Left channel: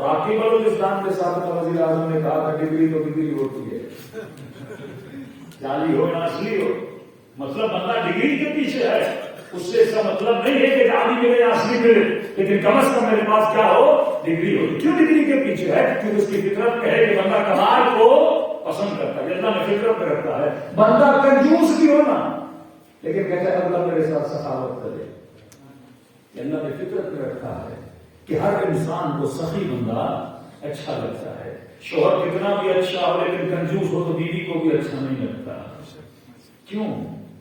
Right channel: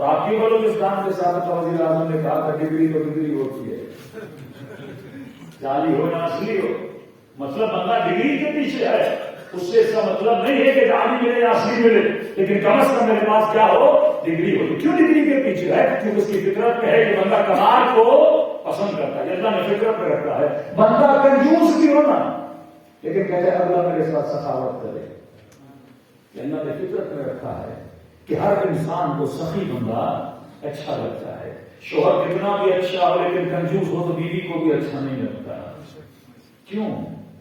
اور آپ کی بلوچستان کے سابق وزیر اعظم نے کہا تھا ڈگری تو ڈگری ہوتی ہے، جعلی ہو یا اصلی ہو، مطلب بندہ ڈگری کے پیچھے ہے، اس سے اس کا مطلب نہیں ہے کہ جعلی ملے یا اصلی ملے، لیکن کم از کم میرے پاس کیا ہو، ڈگری ہو۔ کیوں ڈگری کے پیچھے ہے؟ کیونکہ اس کی فطرت کہے کہ بندہ کمال کو پسند کرتا ہے، اللہ نے فطرت میں رکھا ہے۔ بندہ کنجوس بھی ہونا لیکن کہتے ہیں اللہ میرے ساتھ سخاوت کرے، کہ اللہ نے فطرت میں رکھا ہے کہ ہر انسان کو سخی بندہ اچھا لگتا ہے۔ شوہر کتنا بھی اچھا ہو لیکن کنجوس ہو تو بیوی کو بھی اچھا نہیں لگتا۔ کیوں؟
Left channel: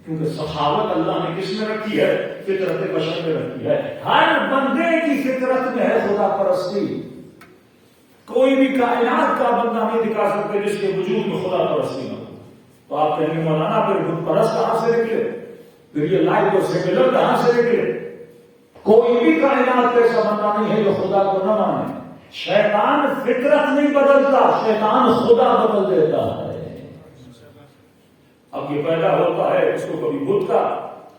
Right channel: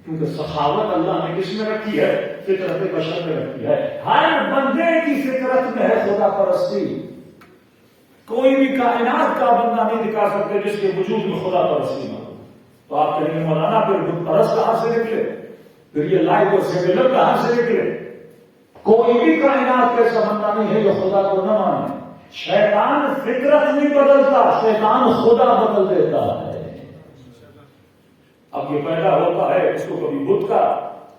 کیونکہ سخاوت اللہ نے کس میں رکھی ہے؟ فطرت بشر میں رکھی ہے۔ ہر بندے کی فطرت میں ہے خدا پرستی۔ کوئی بھی کائنات کا بندہ نہیں دکھا سکتے جس کے وجود میں خدا پرستی نہ ہو۔ تو آپ کہیں گے مولانا پھر بت پرست کہاں سے نکلے، پھر یہ لائف اور سیکولر کہاں سے نکلے؟ کوئی بھی کائنات کا ایسا بندہ نہیں ہے جو خدا کو نہ مانے۔ شیطان فطرت نہیں بدلتا، شیطان خدا بدل دیتا ہے۔ اب یہ پیدا ہوتا ہے، اس کو کبھی بت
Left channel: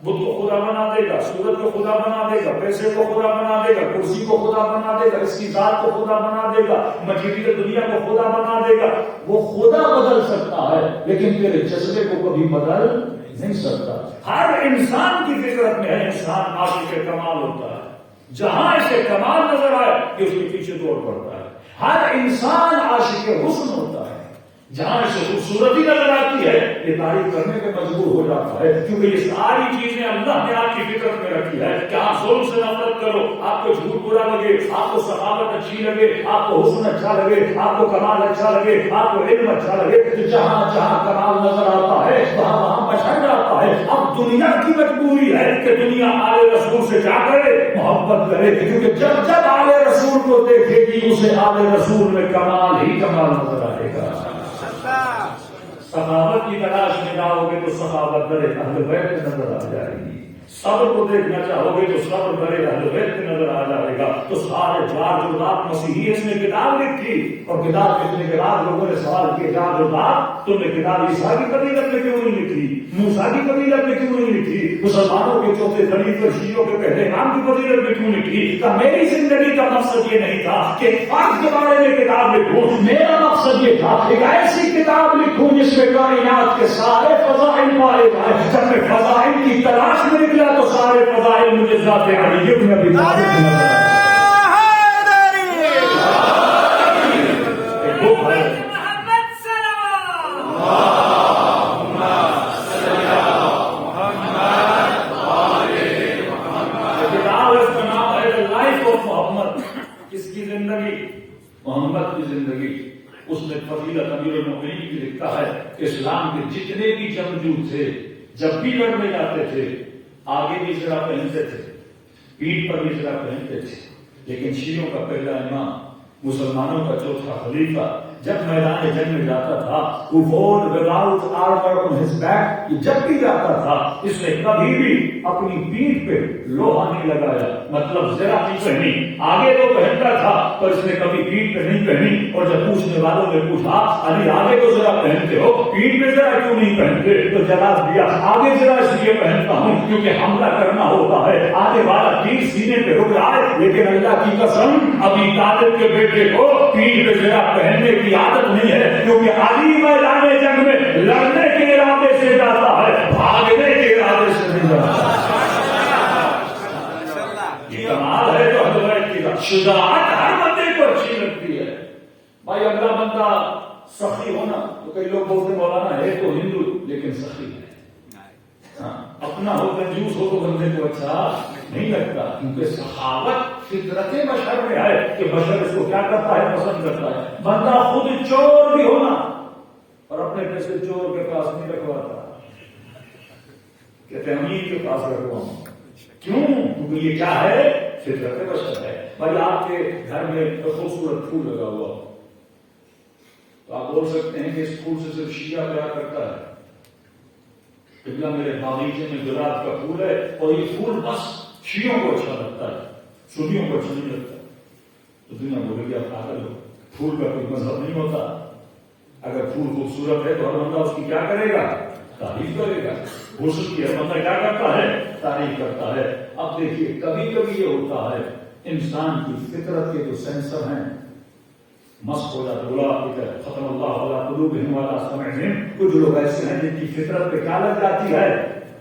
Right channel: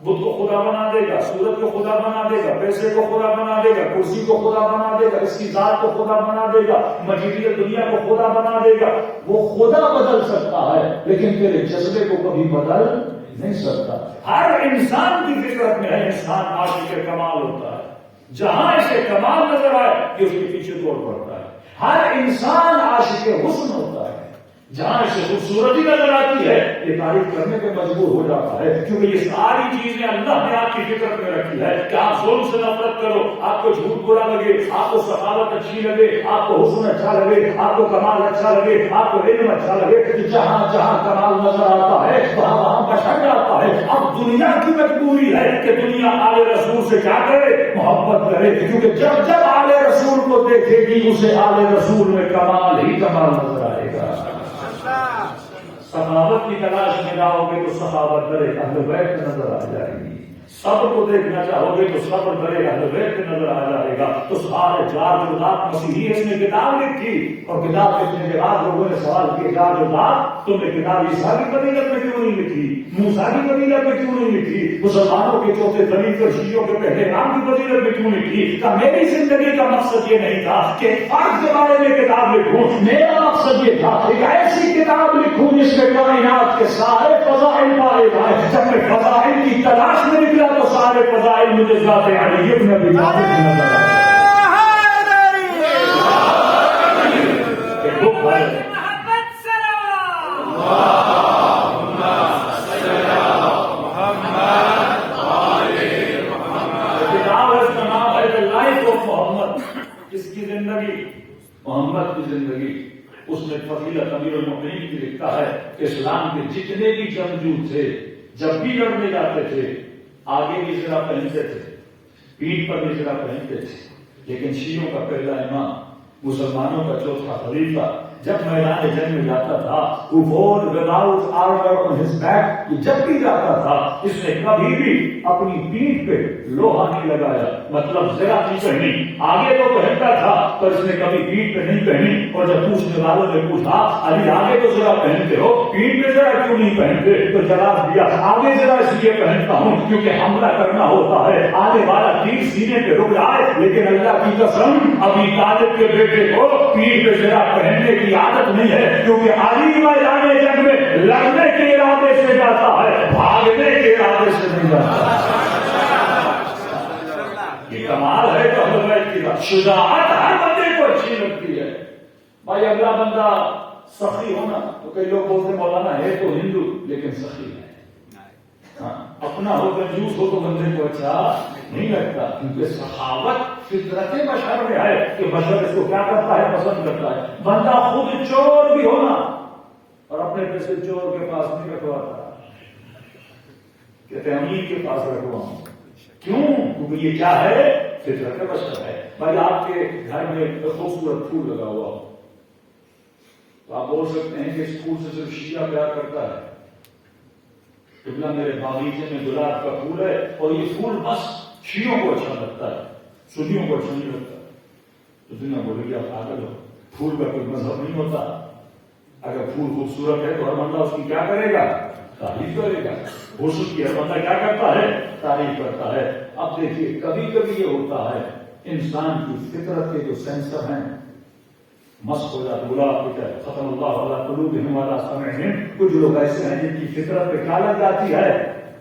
کو خدا بنا دے گا، سورت کو خدا بنا دے گا، پیسے کو خدا بنا دے گا، کرسی کو خدا بنا دے گا، اس کی ذات کو خدا بنا دے گا، مٹیریل دنیا کو خدا بنا دے گا۔ وہ خدا بدل سکتا ہے لیکن تیرے جذبے کو کبھی بدل نہیں سکتا۔ ہر انسان کی فطرت میں ہے انسان عاشق کمال ہوتا ہے، جہاں اسے کمال نظر آئے کہ اس کے پیچھے دوڑ پڑتا ہے۔ ہر انسان عاشق حسن ہوتا ہے، جہاں اسے خوبصورتی نظر آتی ہے یہ تعریف کرنے کے مجبور ہو جاتا ہے، کیونکہ یہ ساری چیزیں اللہ نے آپ کی فطرت میں رکھی ہے کہ آپ ظلم سے نفرت کرو، آپ کو جھوٹ برا لگے، آپ کو سخاوت اچھی لگے، آپ کو حسن اچھا لگے، آپ کو کمال اچھا لگے، آپ کو علم اچھا لگے۔ جہاں جہاں کمال نظر آتا ہے وہاں وہاں بشر جاتا ہے۔ اب دنیا کی مجبوری ہے کہ دنیا آل رسول سے کیا کرے؟ محبت کرے، کیونکہ جب جب آل رسول کو دیکھے گی اسے آل رسول میں کمال ہی کمال نظر آئے گا۔ سخاوت کی تلاش میں جاؤ گے تو سخاوت درے اہل بیت نظر آ جائے گی، صبر کو دیکھنا چاہو گے تو صبر درے اہل بیت نظر آ جائے گا۔ تو سارے جار جردات مسیحی اس نے کتاب لکھی، اور کتاب لکھنے کے بعد لوگوں نے سوال کیا جار جردات تم نے کتاب عیسیٰ کی فضیلت میں کیوں نہیں لکھی، موسیٰ کی فضیلت میں کیوں نہیں لکھی، مسلمانوں کے چوتھے خلیفہ شیعوں کے پہلے امام کی فضیلت میں کیوں لکھی؟ کہ میری زندگی کا مقصد یہ نہیں تھا کہ فرض کے بارے میں کتاب لکھوں، میرا مقصد یہ تھا ایک ایسی کتاب لکھوں جس میں کائنات کے سارے فضائل پائے جائیں۔ جب میں فضائل کی تلاش میں نکلا تو سارے فضائل مجھے ذات علی ابن ابی طالب نظر آئے۔ ایک دکھ ہے، کتاب اس کا نام ہے The Life of محمد، اس کی زندگی، محمد کی زندگی۔ اس میں فضیلت امیر المؤمنین کی لکھتا ہے کہ اسلام کے جتنے بھی جنگجو تھے جب بھی لڑنے جاتے تھے آگے بھی زرہ پہنتے تھے، پیٹھ پر بھی زرہ پہنتے تھے، لیکن شیعوں کا پہلا امام، مسلمانوں کا چوتھا خلیفہ جب میدان جنگ میں جاتا تھا وہ fought without armour on his back, جب بھی جاتا تھا اس نے کبھی بھی اپنی پیٹھ پہ لوہا نہیں لگایا، مطلب زرہ نہیں پہنی۔ آگے تو پہنتا تھا پر اس نے کبھی پیٹھ پہ نہیں پہنی۔ اور جب پوچھنے والوں نے پوچھا علی آگے تو زرہ پہنتے ہو، پیٹھ پہ زرہ کیوں نہیں پہنتے؟ تو جواب دیا آگے زرہ اس لیے پہنتا ہوں کیونکہ حملہ کرنا ہوتا ہے، آنے والا تیر سینے پہ رک جائے، لیکن اللہ کی قسم ابی طالب کے بیٹے کو پیٹھ پہ زرہ پہننے کی عادت نہیں ہے، کیونکہ علی میدان جنگ میں لڑنے کے ارادے سے جاتا ہے، بھاگنے کے ارادے سے نہیں جاتا۔ یہ کمال ہے تو اہل بیت کی شجاعت ہر بندے کو اچھی لگتی ہے۔ بھائی اگلا بندہ سخی ہونا، تو کئی لوگ بولتے مولانا ہے تو ہندو لیکن سخی ہے، اپنا ہو کنجوس ہو تو بندے کو اچھا نہیں لگتا، کیونکہ سخاوت فطرت بشر میں ہے کہ بشر اس کو کیا کرتا ہے؟ پسند کرتا ہے۔ بندہ خود چور بھی ہونا اور اپنے پیسے چور کے پاس نہیں رکھواتا، کہتے ہیں امیر کے پاس رکھواؤں۔ کیوں؟ کیونکہ یہ کیا ہے؟ فطرت بشر ہے۔ بھائی آپ کے گھر میں خوبصورت پھول لگا ہوا ہو تو آپ بول سکتے ہیں کہ اس پھول سے صرف شیعہ پیار کرتا ہے، قبلہ میرے باغیچے میں گلاب کا پھول ہے اور یہ پھول بس شیعوں کو اچھا لگتا ہے، سنیوں کو اچھا نہیں لگتا۔ تو دنیا بولے گی آپ پاگل ہو، پھول کا کوئی مذہب نہیں ہوتا، اگر پھول خوبصورت ہے تو ہر بندہ اس کی کیا کرے گا؟ تعریف کرے گا۔ حسن کی ہر بندہ کیا کرتا ہے؟ تعریف کرتا ہے۔ اب دیکھیے کبھی کبھی یہ ہوتا ہے انسان کی فطرت کے جو سینسر ہیں مست ہو جاتے، بولا ختم اللہ علی قلوبہم وعلی سمعہم. کچھ لوگ ایسے ہیں جن کی فطرت پہ کیا لگ جاتی ہے؟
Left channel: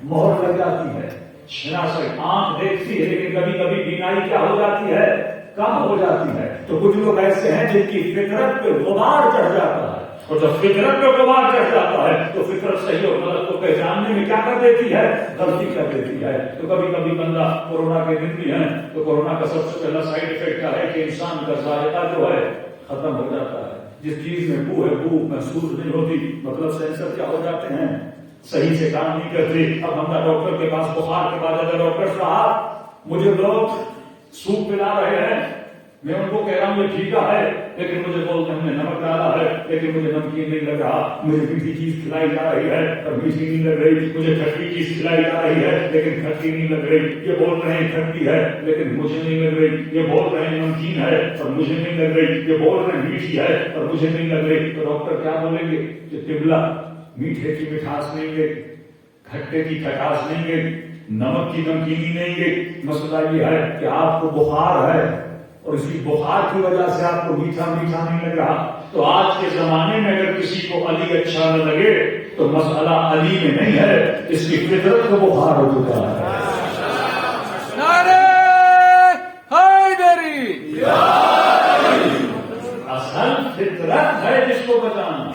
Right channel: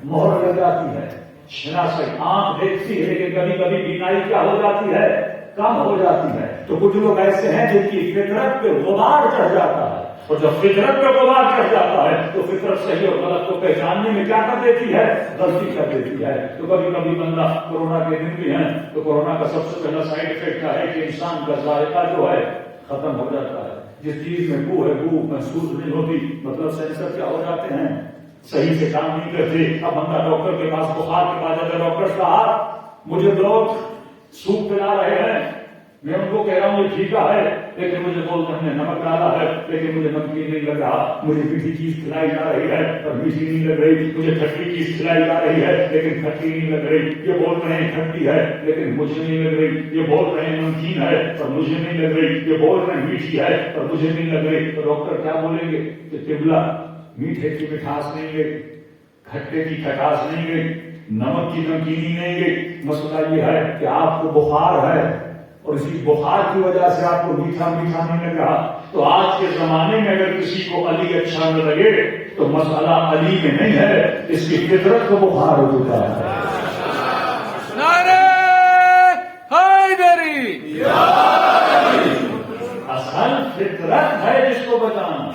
مہر لگ جاتی ہے. شناسی آنکھ دیکھتی ہے لیکن کبھی کبھی بینائی کیا ہو جاتی ہے؟ کم ہو جاتی ہے. تو کچھ لوگ ایسے ہیں جن کی فطرت پہ غبار چڑھ جاتا ہے، اور جب فطرت پہ غبار چڑھ جاتا ہے تو فطرت صحیح اور غلط کو پہچاننے میں کیا کر دیتی ہے؟ غلطی کر دیتی ہے. تو کبھی کبھی بندہ کورونا کے دن بھی ہے تو کورونا کا سب سے پہلا سائڈ افیکٹ کیا ہے کہ انسان کا ذائقہ جو ہے ختم ہو جاتا ہے. جس چیز میں بو ہے بو محسوس نہیں ہوتی، مطلب سینسر کیا ہو جاتے ہیں؟ صحیح سے کام نہیں کرتے. اب بندہ ڈاکٹر کے پاس بخار کے بعد اگر ڈاکٹر صاحب مجھے لوگ سوپ پلا رہے ہیں، میں ان کو کہہ رہا ہوں یہ ٹھیکا ہے، لیکن مجھے بولتے ہم نے نمک ڈالا ہے لیکن مجھے نمکین نہیں لگ رہا. مجھے میٹھی چیز کھلائی جا رہی ہے اور میٹھی نہیں لگ رہی. مجھے کھٹی چیز کھلائی جا رہی ہے لیکن کھٹی نہیں لگ رہی. یہ بول رہے ہیں کھٹی ہے لیکن مجھے نہیں لگ رہی. یہ بول رہے ہیں نمکین ہے اور مجھے نہیں لگ رہی. یہ بول رہے ہیں میٹھی ہے اور مجھے نہیں لگ رہی. تو ڈاکٹر کیا بولیں گے کہ قبلہ میٹھے کی مٹھاس نہیں گئی، کھٹے کی کھٹاس نہیں گئی، نمک کی نمکینی نہیں گئی. مسئلہ یہ ہے کہ آپ کو بخار ہے اور اسی بخار کی وجہ سے آپ کو میٹھا میٹھا نہیں لگ رہا. تو آج کے زمانے میں اگر کسی کو علی اچھا نہ لگے تو مسئلہ علی میں نہیں ہے، اس کی فطرت کو بخار ہو چکا ہے. اصل فطرت ہے جس کو بچانا.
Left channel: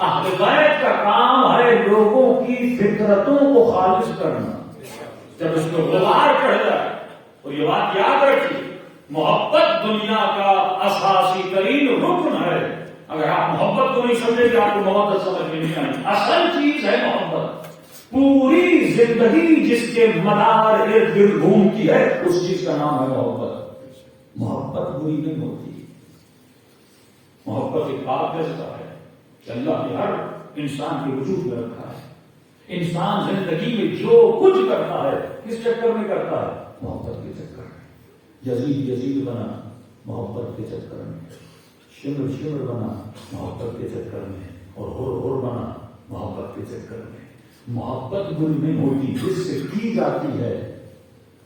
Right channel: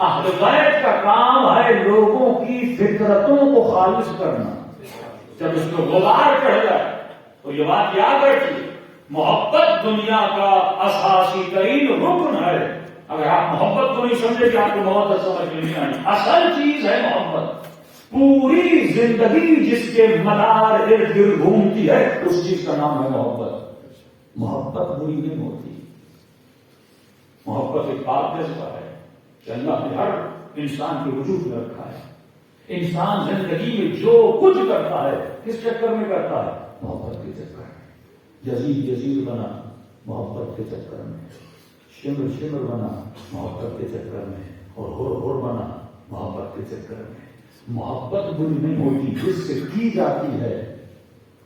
اہل بیت کا کام ہے لوگوں کی فطرتوں کو خالص کرنا. جب اس کو غبار چڑھ جائے تو یہ بات یاد رکھیے، محبت دنیا کا اساسی ترین رکن ہے. اگر آپ محبت کو نہیں سمجھے کہ آپ کو محبت سمجھ میں نہیں آئی. اصل چیز ہے محبت. پوری زندگی جس کے مدار ارد گرد گھومتی ہے اس چیز کا نام ہے محبت. محبت بری نہیں ہوتی. محبت ایک پاک جذبہ ہے کہ اللہ نے ہر انسان کے وجود میں رکھا ہے. انسان زندگی میں جو کچھ کرتا ہے کس چکر میں کرتا ہے؟ محبت کے چکر میں. یزید بنا محبت کے چکر میں، شمر بنا محبت کے چکر میں، اور ہر بنا محبت کے چکر میں. محبت بری نہیں ہوتی. جس سے کی جاتی ہے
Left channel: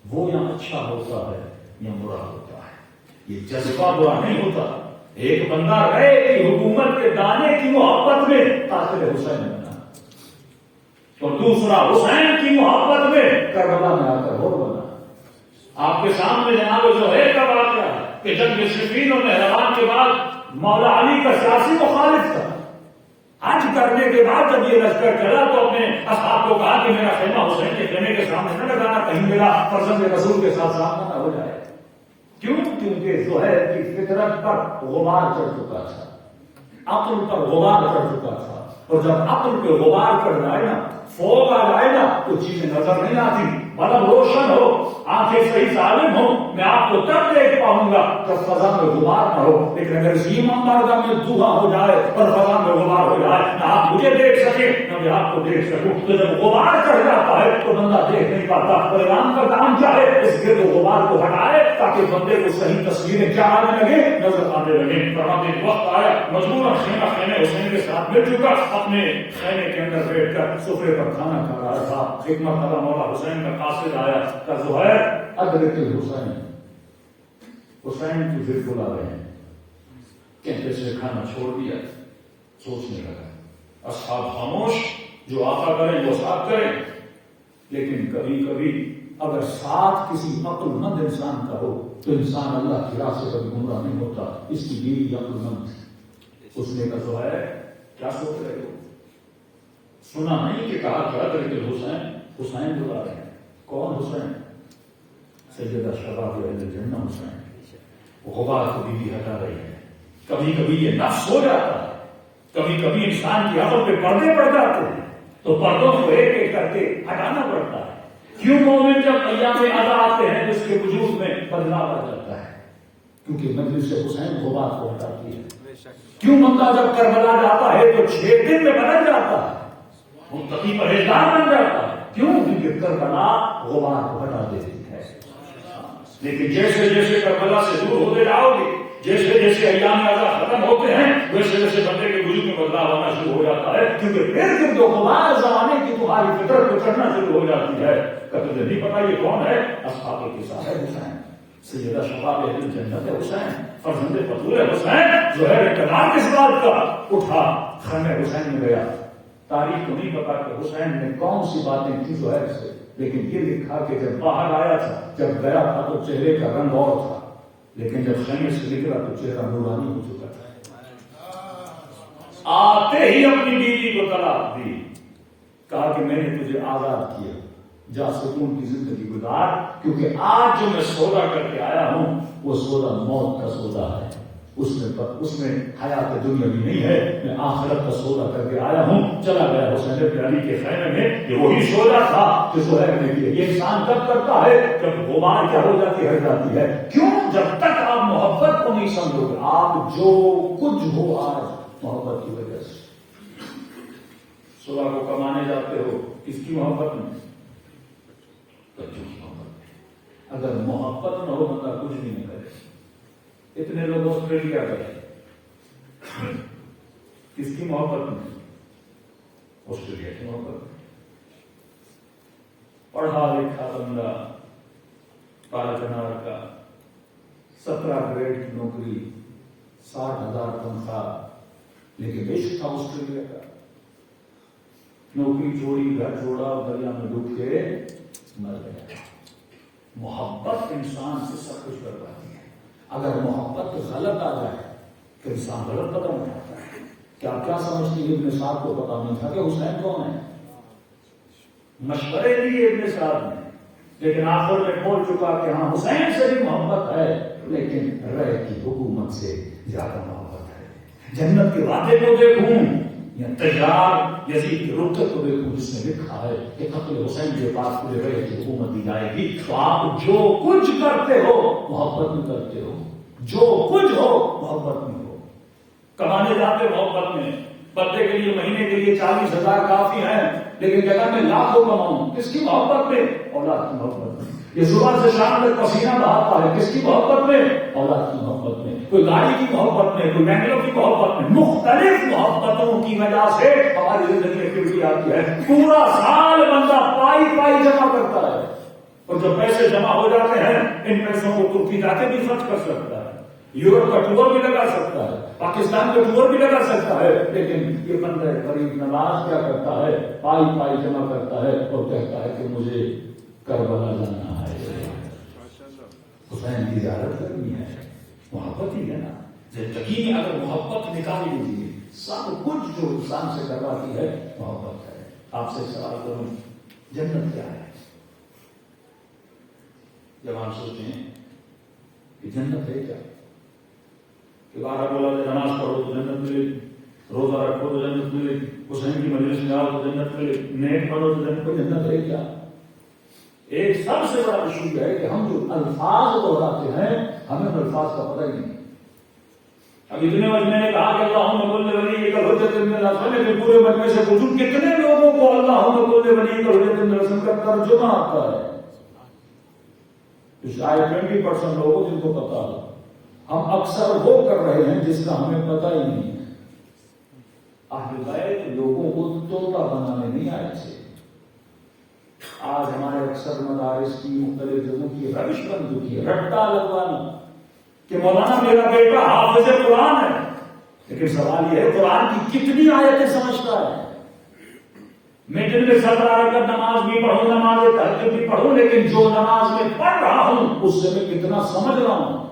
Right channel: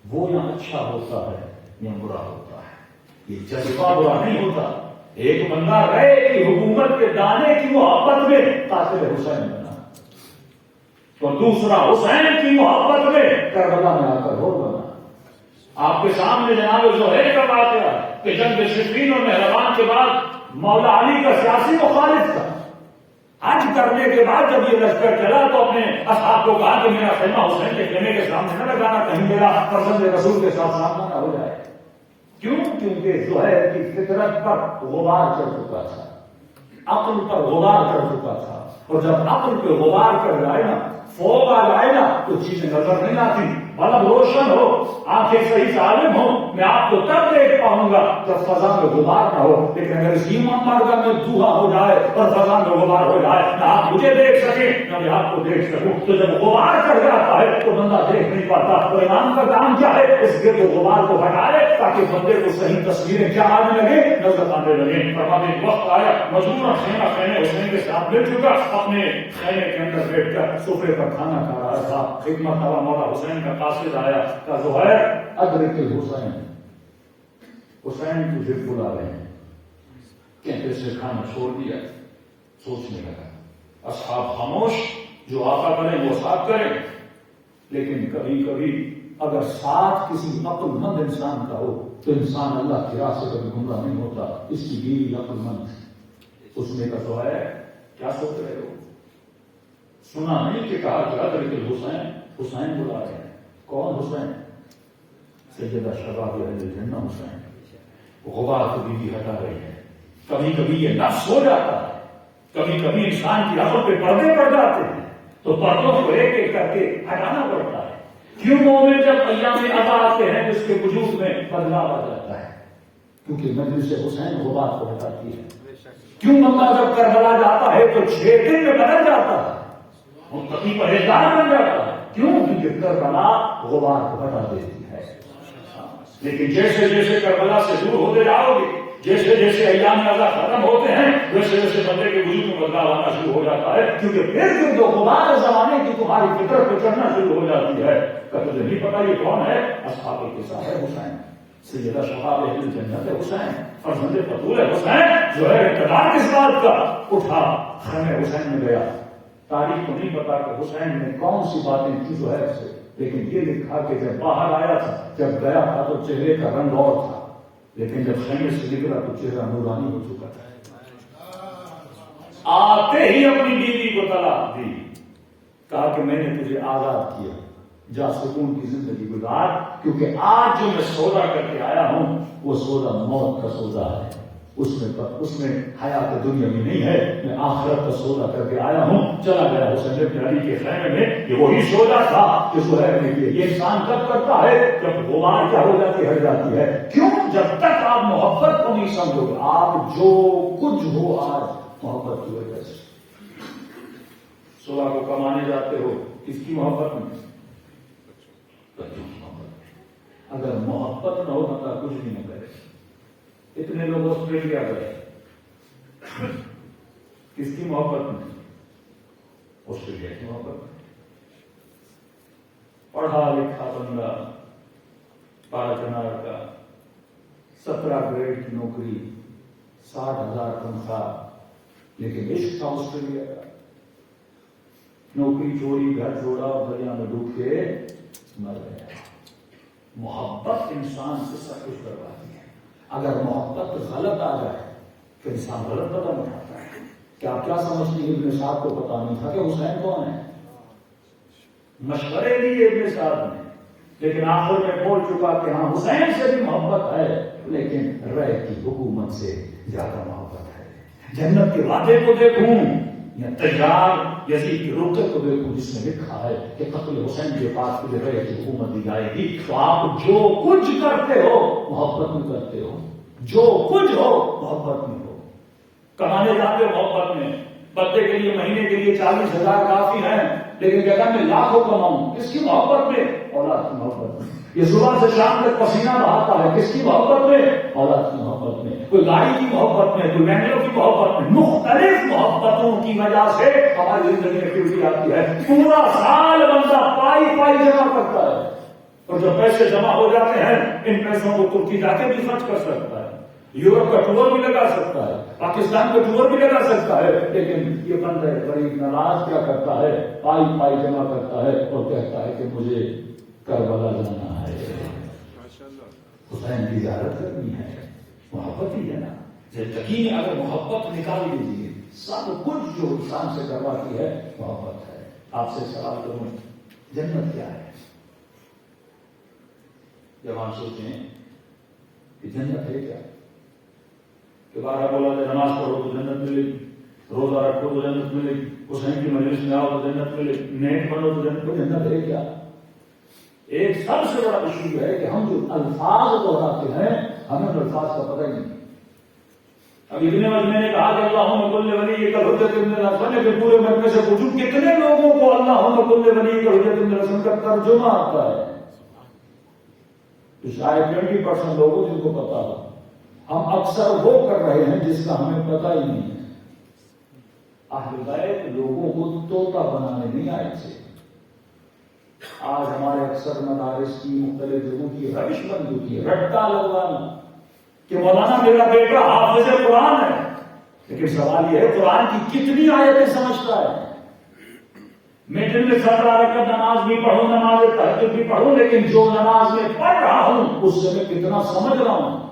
وہ یا اچھا ہوتا ہے یا برا ہوتا ہے. یہ جذبہ برا نہیں ہوتا. ایک بندہ رہے کہ حکومت کے دانے کی محبت میں قاتل حسین بنا، اور دوسرا حسین کی محبت میں کربلا میں آ کر ہر بنا. آپ کے سامنے جناب زہیر کا واقعہ ہے کہ جنگ صفین اور نہروان کے بعد مولا علی کا سیاسی مخالف تھا. حج کرنے کے بعد جب یہ لشکر چلا تو اپنے اصحاب کو کہا کہ میرا خیمہ حسین کے خیمے کے سامنے نہ لگانا، کہیں میرا فرزند رسول کے ساتھ سامنا نہ ہو جائے. کیوں؟ کیونکہ زہیر کی فطرت پر غبار چڑھ چکا تھا، عقل پر غبار چڑھ چکا تھا. اور جب عقل پہ غبار چڑھ جائے نا، فوگ آ جائے نا، تو چیزیں نظر نہیں آتی. بلب روشن ہو، آنکھیں صحیح سالم ہو، میں آپ کو تب دیکھ پاؤں گا جب فضا میں غبار نہ ہو. لیکن اگر اسی مارگا میں دھواں ہو جائے اور فضا میں غبار ہو جائے، نہ آپ مجھے دیکھ سکیں نہ میں آپ کو دیکھ سکوں، تو جب غبار چڑھ جاتا ہے تو بندہ دیکھ نہیں پاتا. قرآن کا کام کیا ہے؟ اس کے تو غبار کو ہٹائے تاکہ بندے کو صحیح تصویریں کیا آنے لگے، نظر آنے لگے. فرماتے ایک وقت آیا مجبور خیمہ حسین کے ساتھ مل چکا، اپنے خیمے کے اندر بیٹھ کر سفرے پر کھانا کھا رہا تھا. ایک مرتبہ مولا حسین کا قاصد آیا کہ زہیر ادرک الحسین، حسین تجھے بلا رہے ہیں. کہتے سے کھانا چھوڑ دیا، سوچنے لگا. اصحاب خاموش، جو آقا کریں وہ ساتھ کریں. لیکن کبھی کبھی اگر ساتھ کسی عقل مند انسان کا ہو تو انسان اللہ کی راہ سے کبھی گمراہ نہیں ہوتا. اس کی بیوی عقل مند تھی. اس نے کہا زہیر کیا سوچ رہے ہو؟ سنا نہیں کہ کہا کہ ادرک الحسین، حسین بلا رہے ہیں. کون حسین؟ سیدہ شباب اہل الجنہ حسین. غبار کو بیوی ہٹا رہی ہے. کبھی کبھی یہ نفس ہو جاتا ہے، کبھی کبھی انسان کی عقل پہ پردے پڑ جاتے ہیں تو پردوں کو ایک ایک کر کے ہٹانا پڑتا ہے. کیوں مومن جب ایام ادا آتے ہیں جس کے وجود میں بدلاؤ آ جاتا ہے؟ کیونکہ مجلس حسین غبار کو ہٹاتی ہے. کیوں بندہ جب کربلا جاتا ہے تو 6 دن میں بدل جاتا ہے، متقی پرہیزگار بن جاتا ہے. کیوں؟ کیونکہ کربلا غبار کو ہٹا دیتی ہے. لیکن جیسے جیسے کربلا سے دور ہوتے جاؤ گے، جیسے جیسے ایام اعضاء ختم ہوتے ہیں، ویسے ویسے بندے کے وجود میں بدلاؤ آنا شروع ہو جاتا ہے. کیونکہ پھر جو غبار زمانے کی تمہاری فطرت پہ چڑھنا شروع ہو جاتی ہے. کبھی نہیں پتا یہ کون ہے؟ اصحاب قصہ ہے حسین. سیدہ شباب اہل جنت ہے حسین، فرزند بطول ہے حسین، جو ہے اقتدار کس بات کا، اٹھا خیمے حسین میں گیا. تاریخ تو نہیں پتا کہ حسین نے کون سی باتیں کی زہیر سے، لیکن یہ لکھا کہ جب باہر آیا تھا، جب گیا تھا تو چہرے کا رنگ اور تھا، لیکن جب خیمے سے نکلا تو چہرہ نورانی ہو چکا تھا. آتے ہی اپنی بیوی کو طلاق دی، کہا کہ میں نے تجھے آزاد کیا، جا سکون کی زندگی گزار، کیونکہ آج جو میں سودا کر کے آیا ہوں وہ سودا موت کا سودا ہے، اس میں حیات دنیا بھی نہیں ہے، میں آخرت کا سودا کر کے آیا ہوں. چلا گیا حسین بن علی کے خیمے میں. یہ وہی سودا تھا جو زہیر نے کیا. یہ انسان کب کرتا ہے؟ جب غبار کیا ہو جاتی ہٹ جاتی ہے. کیوں؟ جب تک آپ محبت کو نہیں سمجھو گے. آپ جو کچھ ہو آج محبت کی وجہ سے. سودا کو کمانے جاتے ہو کس کی محبت میں؟ اگر محبت نہ ہو بندہ کچھ بھی نہ کرے. اتنے لوگ آسٹریلیا گئے کس کی محبت میں؟ آسٹریلیا کی محبت میں. پڑھا لکھا بندہ، پارا کنار کا، 17 گریڈ کی نوکری، 60,000 تنخواہ، لیکن عشق تھا آسٹریلیا کا. نوکری چھوڑی، گھر چھوڑا اور دریا میں ڈوب کے مر گیا. محبت انسان سے سب کچھ کرواتی ہے. اگر محبت غلط آ جائے تو انسان غلط قدم اٹھاتا ہے. کہ آپ کیا سمجھتے ہیں ابن سعد کو پتا نہیں تھا کہ حسین کون ہے؟ مشورے دیے ابن سعد نے، لیکن آخر میں بول چکا کہ ہاں حسین سے بھی محبت ہے، لیکن رہ کی حکومت سے زیادہ محبت ہے. جنت کے وعدے کو دیکھوں یا تیار یزید کی رکت کو دیکھوں جس میں لکھا ہے کہ قتل حسین کے پاس تجھے رہ کی حکومت دی جائے گی. تو آپ جو کچھ کرتے ہو محبت میں کرتے ہو، جو کچھ ہو محبت میں ہو. کمانے جاتے ہو محبت میں. بندے کے لیے مہینے کے لیے 40,000 کافی ہیں، لیکن کہتا میں لاکھوں کماؤں. کس کی محبت میں؟ اولاد کی محبت میں. یہ صبح سے شام تک پسینہ بہاتا ہے، کس کی محبت میں؟ اولاد کی محبت میں. کوئی گاڑی کی محبت میں، کوئی بینگلوں کی محبت میں. مختلف محبتوں کی وجہ سے ہماری زندگی میں ایکٹیویٹی آتی ہے. پورا سال بندہ پائی جمع کرتا ہے، اور جب پیسے جمع ہو جاتے ہیں ان پیسوں کو ترکی جا کے بھی خرچ کر سکتا ہے، یورپ کا ٹور بھی لگا سکتا ہے، پاکستان کا ٹور بھی لگا سکتا ہے. لیکن یہ بندہ غریب نواز کیا کرتا ہے؟ پائی جمع کرتا ہے اور کہتا ہے کہ مجھے کربلا جانا ہے، حسین کی زیارت کرنی ہے. محبت ہی ہے نا. زندگی میں اگر محبت نکال لیجیے، سب کچھ جو انسان سے کرواتی ہے محبت ہے. آپ سے سوال کروں، جنت کیا ہے؟ جب آپ سوچیں کہ جنت ہے کیا، کہ بارہ بولا کہ نماز پڑھو تو جنت ملے گی، روزہ رکھو تو جنت ملے گی، حسین کی مجلس میں آؤ تو جنت ملے گی، نیک پڑھو تو جنت ہے کیا؟ ایک سب سے بڑا ایشو ہے کہ ہم جو الفاظ دہراتے ہیں ہمیں ان الفاظ کا پتہ ہی نہیں. اب اتنے وقت میں نے کہا کہ اللہم کل ولی کا حجت ابن الحسن کے پورے مجمع سے پوچھوں کتنے لوگوں کو اللہم کل ولی کا حجت ابن الحسن کا ترجمہ آتا ہے؟ شاید 20% لوگوں جن کو پتا ہو. ہم اکثر وہ کر رہے ہیں جس کا ہمیں پتہ ہی نہیں ہے. اہل بیت لوگوں کو طوطا بنانے نہیں آئے تھے. آج ہمارے اکثر مدارس کی مختلف جگہوں کی روش بن چکی ہے، رٹا لگوانا کہ مولانا میرا بیٹا حافظ قرآن ہے، لیکن سوال یہ ہے قرآن کی کتنی آیتیں سمجھتا ہے؟ میں دن میں 17 رکعت نماز بھی پڑھوں، نماز تہجد بھی پڑھوں، لیکن جو نماز میں پڑھ رہا ہوں اس سے میں کتنا سمجھ رہا ہوں؟